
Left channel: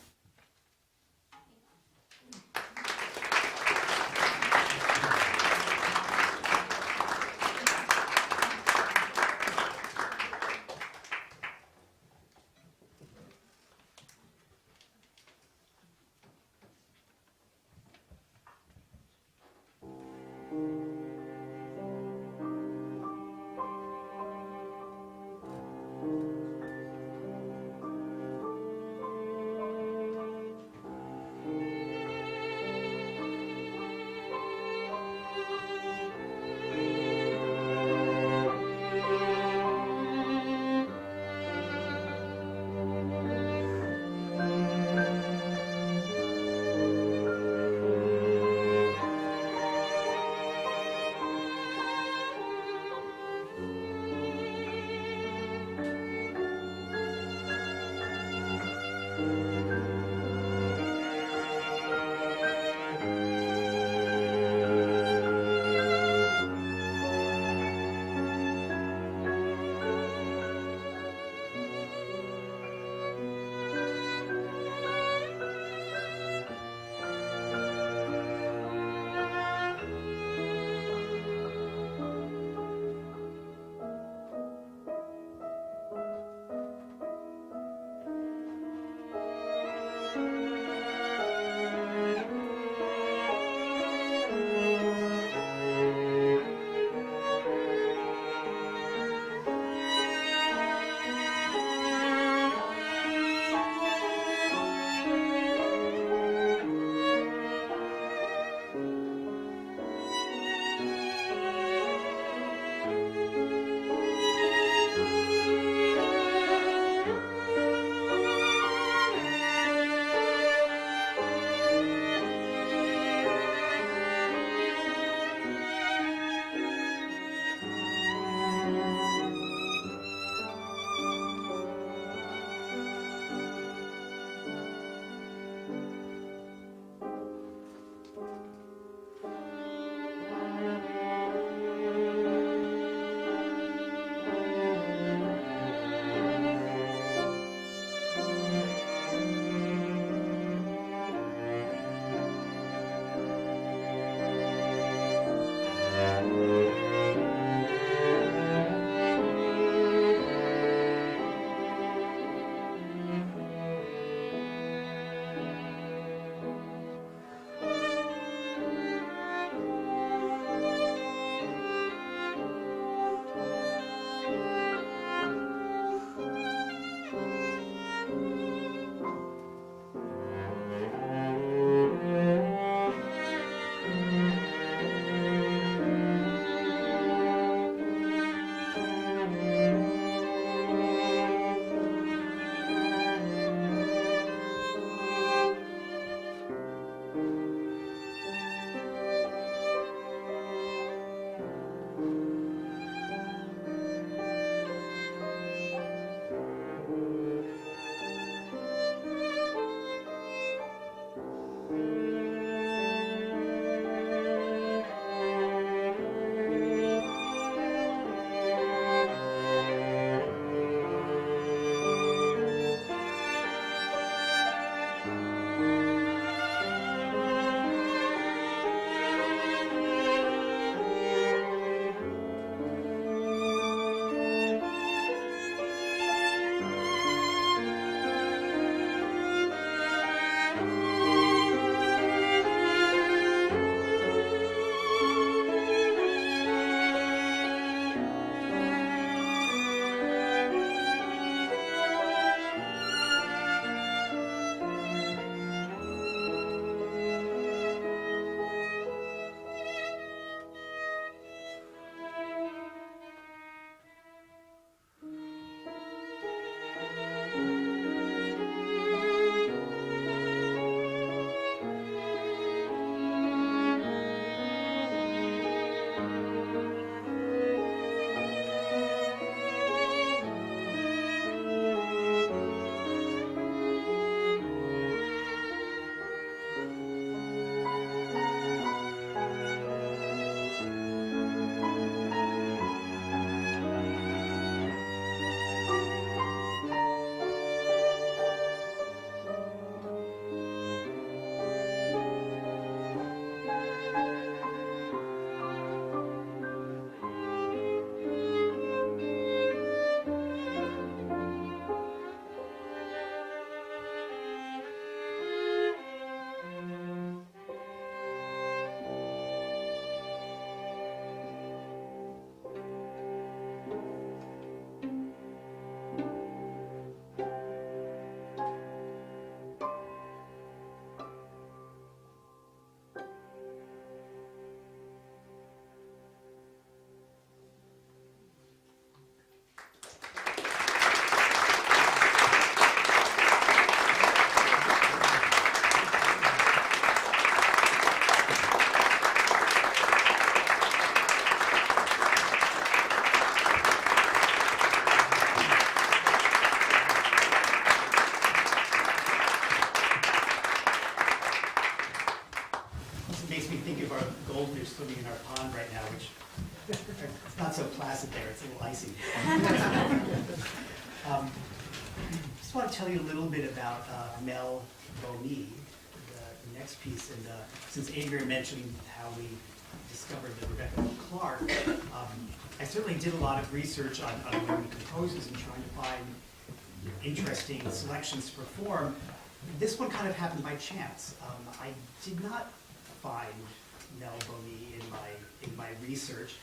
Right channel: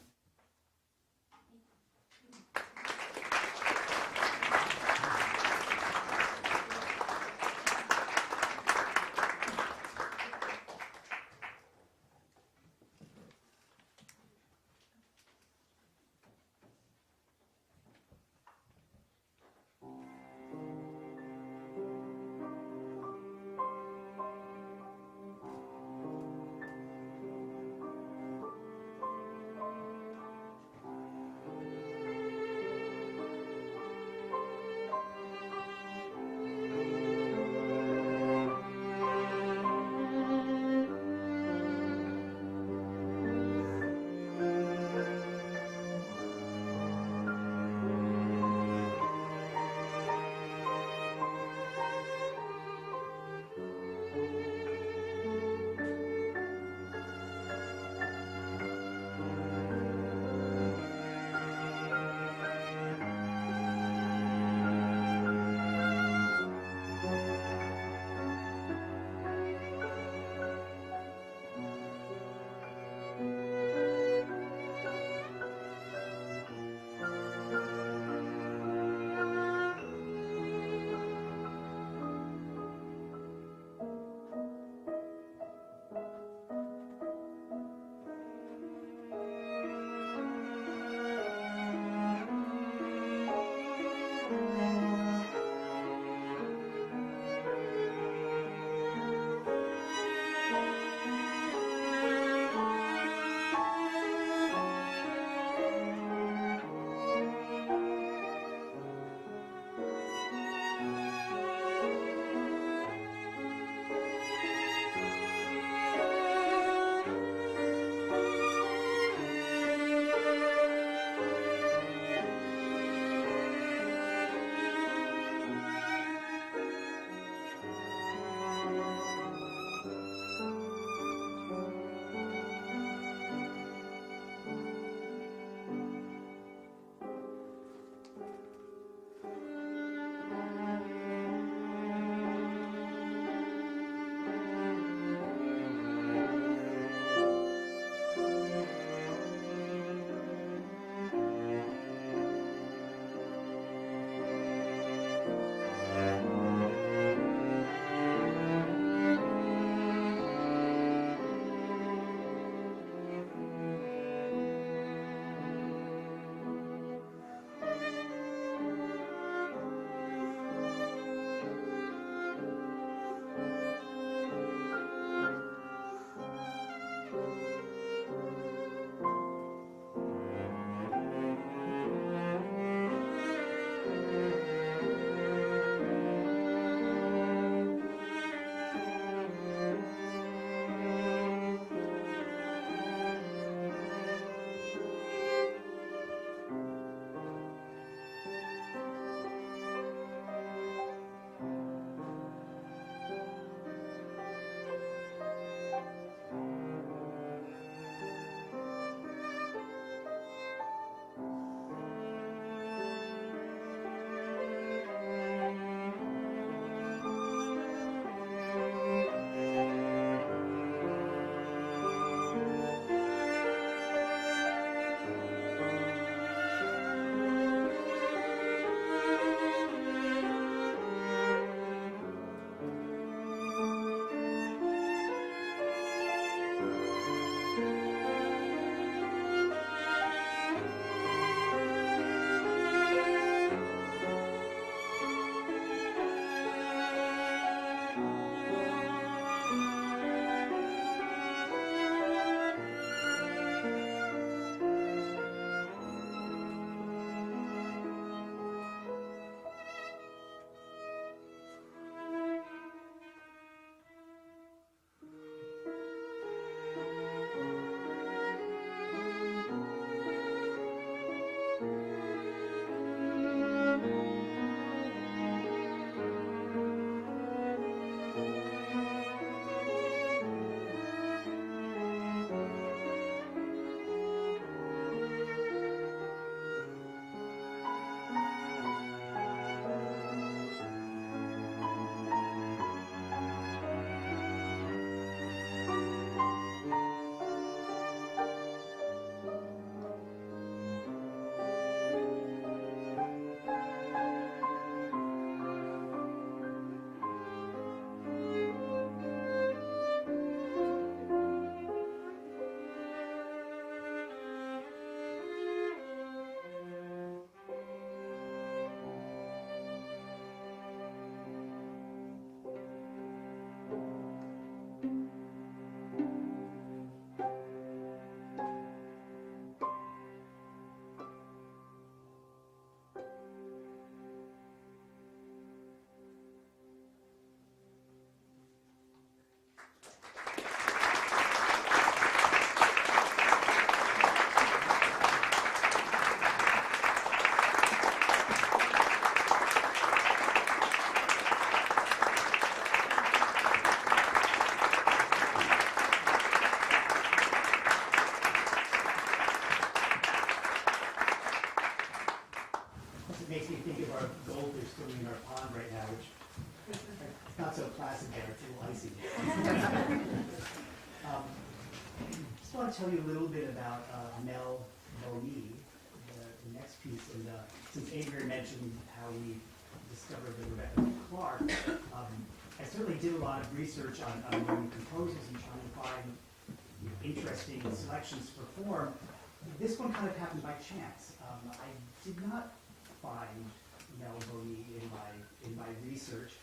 swimming in our pond right now, which it's not so placid there, it's a little icy. Just want to tell you a little bit about Mel Boney, the next piece. And since Adrian mentioned how we discovered the Rebecca Clarke, I certainly did a lot of research on women composers and trying to find interesting selections to perform. This one kind of happened by chance. I did not find Mel Boney in my research.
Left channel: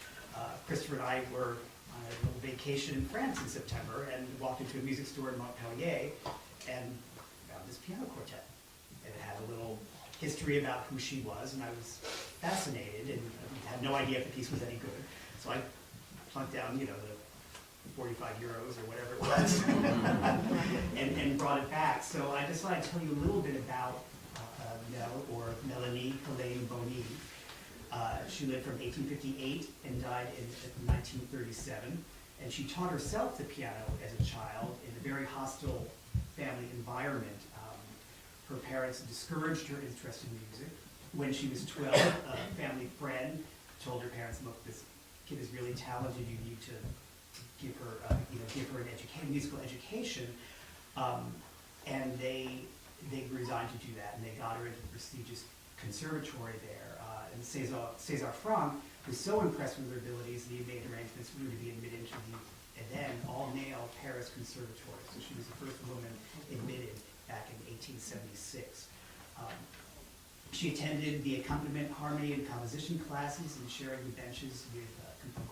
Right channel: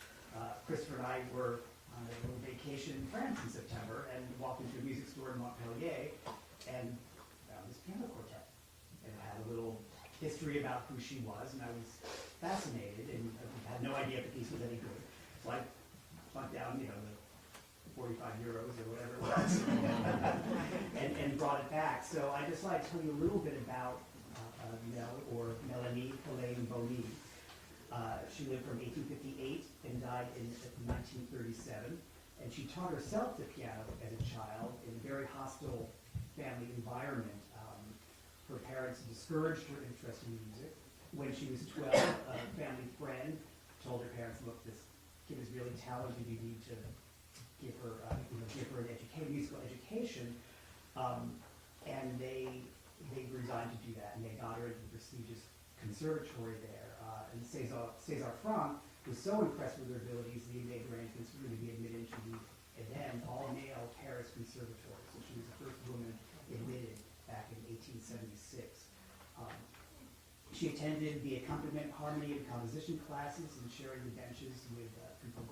Christopher and I were on a little vacation in France in September and walked into a music store in Montpellier and found this piano quartet. And it had a little history about who she was, and I was fascinated and had no idea if the piece was any good. So I plunked down, the 45 euros or whatever it was, and brought it back. So I just thought I'd tell you a little bit about Mel, or Melanie Helene Boney. She lived from 1858 and died in 1937. And she taught herself the piano as a child in a very hostile family environment. Her parents discouraged her interest in music. When she was 12, a family friend told her parents, "Look, this kid is really talented. You need to give her an musical education." And they resigned to do that, and they got her into the prestigious conservatory there. And César Franck was so impressed with her abilities that he made arrangements for her to be admitted to the then all-male Paris Conservatory. So she was the first woman admitted back in 1876. She attended the accompaniment, harmony, and composition classes and sharing the benches with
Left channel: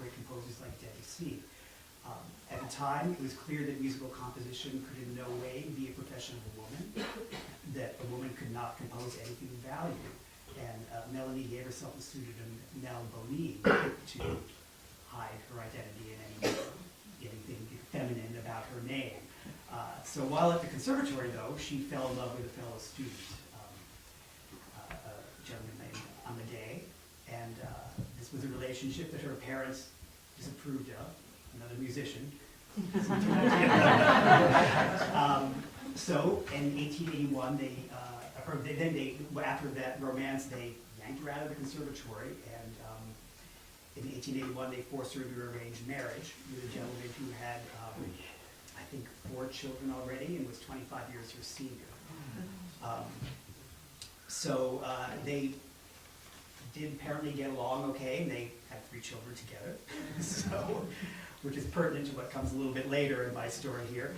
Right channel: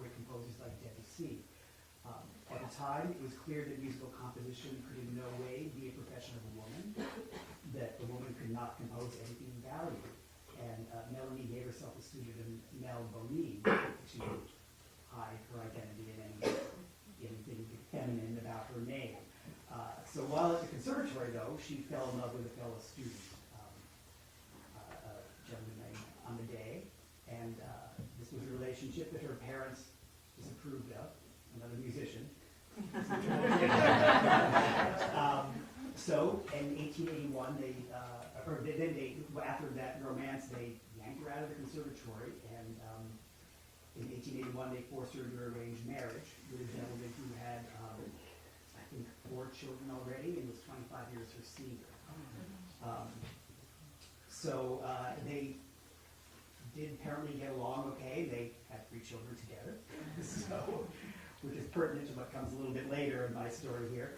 great composers like Debussy. At the time, it was clear that musical composition could in no way be a profession of a woman, that a woman could not compose anything of value. And Melanie gave herself the pseudonym Mel Boney to hide her identity and anything feminine about her name. So while at the conservatory, though, she fell in love with a fellow student, a gentleman named Amédée, and this was a relationship that her parents disapproved of, another musician. So in 1881, after that romance, they yanked her out of the conservatory, and in 1881 they forced her into arranged marriage with a gentleman who had, I think, 4 children already and was 25 years her senior. So they did apparently get along okay. They had 3 children together, so, which is pertinent to what comes a little bit later in my story here.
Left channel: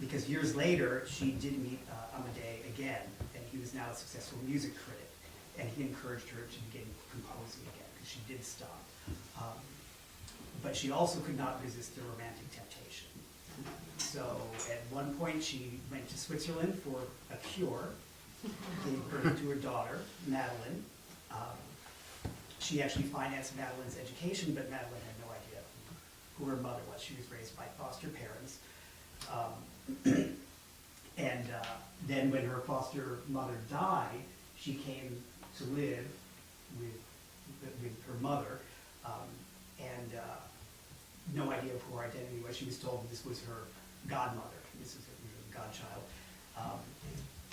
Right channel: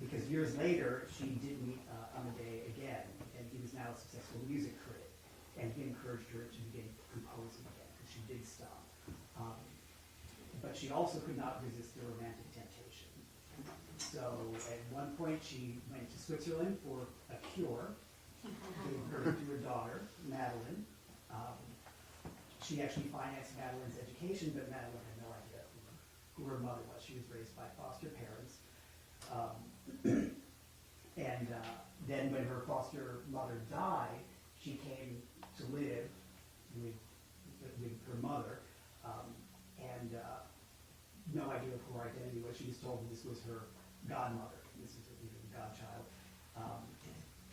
Because years later, she did meet Amédée again, and he was now a successful music critic, and he encouraged her to begin composing again, because she did stop. But she also could not resist the romantic temptation. So at one point, she went to Switzerland for a cure, gave birth to her daughter, Madeline. She actually financed Madeline's education, but Madeline had no idea who her mother was. She was raised by foster parents. And then when her foster mother died, she came to live with her mother, and no idea of who her identity was. She was told this was her godmother, this is her godchild.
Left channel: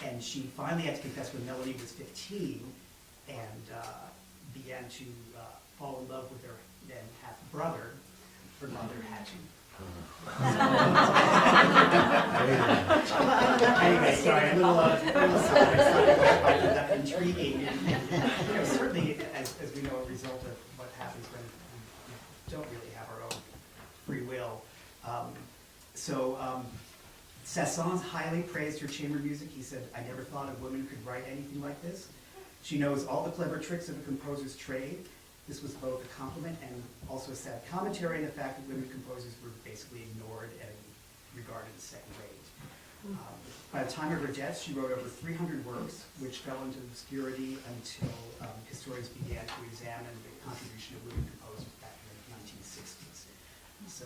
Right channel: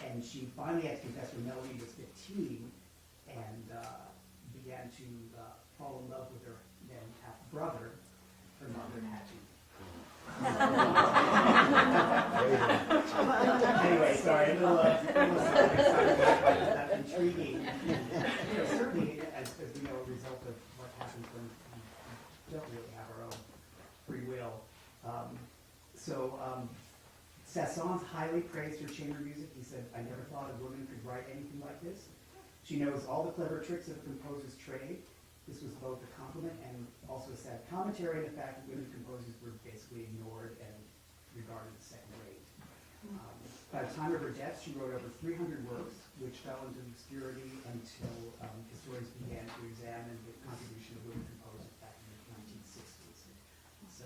And she finally had to confess when Melanie was 15 and began to fall in love with her then half-brother. Her mother had to. Anyway, sorry, a little intriguing. Certainly, as we know, a result of what happens when we don't really have our own free will. Saint-Saëns highly praised her chamber music. He said, "I never thought a woman could write anything like this. She knows all the clever tricks of a composer's trade." This was both a compliment and also a sad commentary on the fact that women composers were basically ignored and regarded as second rate. By the time of her death, she wrote over 300 works, which fell into obscurity until historians began to examine the contribution of women composers back in the 1960s. So,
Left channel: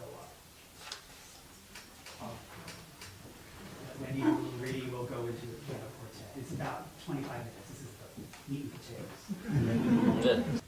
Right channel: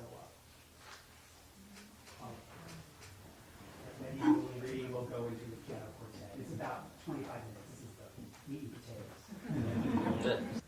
when you really will go into the piano quartet, it's about 25 minutes. This is the meat and potatoes.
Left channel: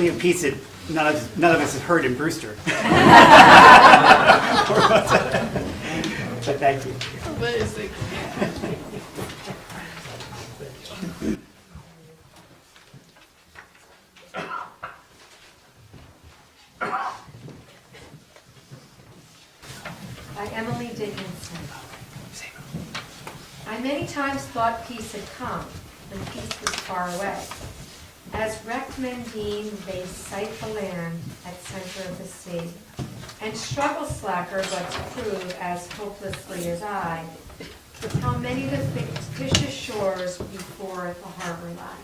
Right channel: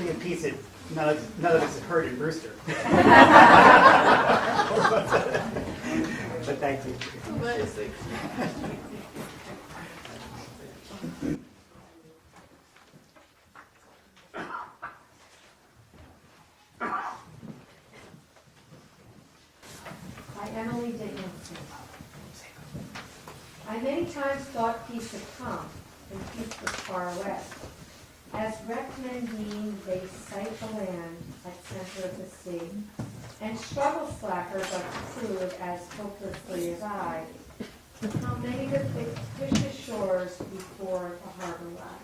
certainly a piece that none of us have heard in Brewster. But thank you. By Emily Dickinson. I many times thought peace had come, and peace was far away. As wrecked men deem they sight the land at center of the sea, and struggle slacker but to prove as hopelessly as I, with how many the fictitious shores before the harbor lie.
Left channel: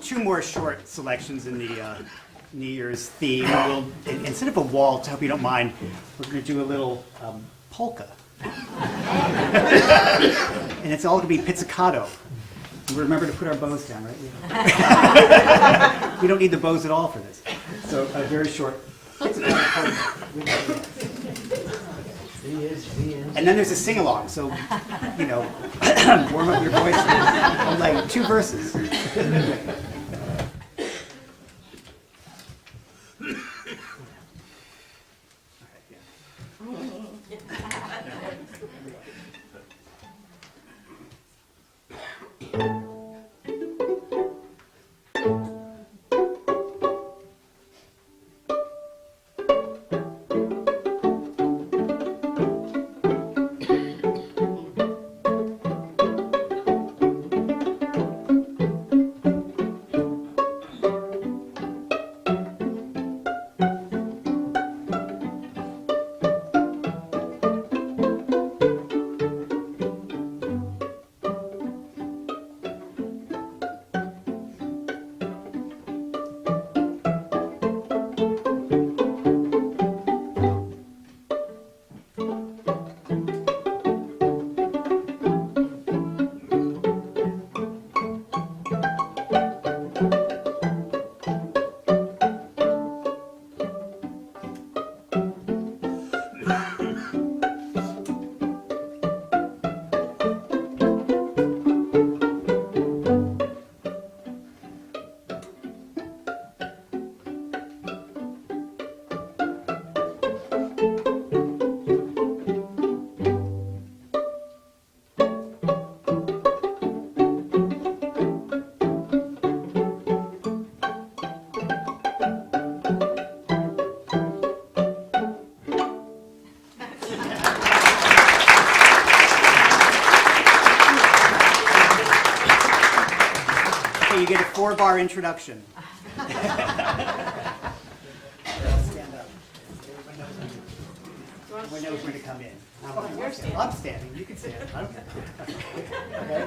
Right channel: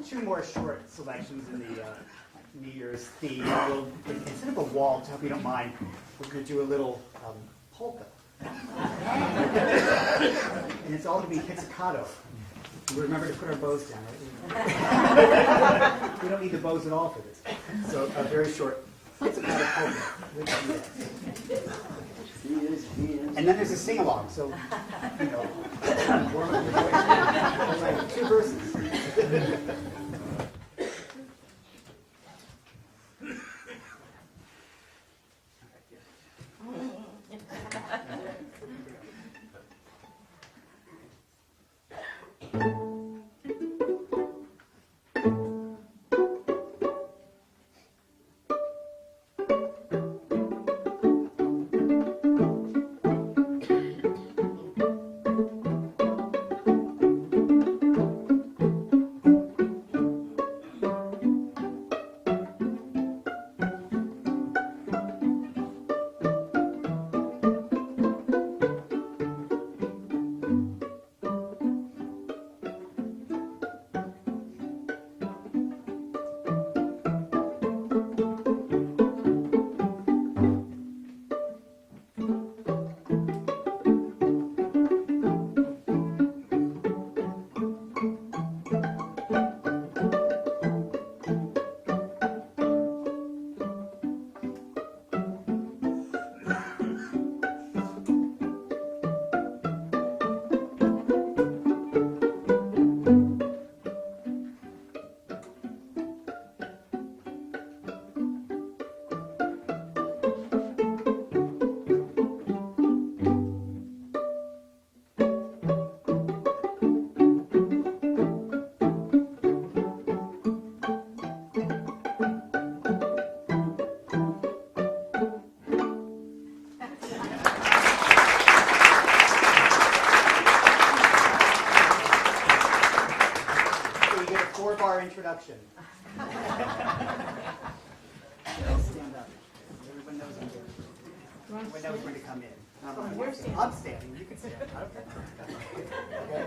Two more short selections in the New Year's theme. We'll, instead of a waltz, I hope you don't mind, we're going to do a little polka. And it's all going to be pizzicato. Remember to put our bows down, right? We don't need the bows at all for this. So a very short pizzicato polka. And then there's a sing-along, so, you know, warm up your voice, like 2 verses. You get a 4-bar introduction. Stand up. Everyone knows when to come in. I'm standing. You can stand. I don't care. Okay.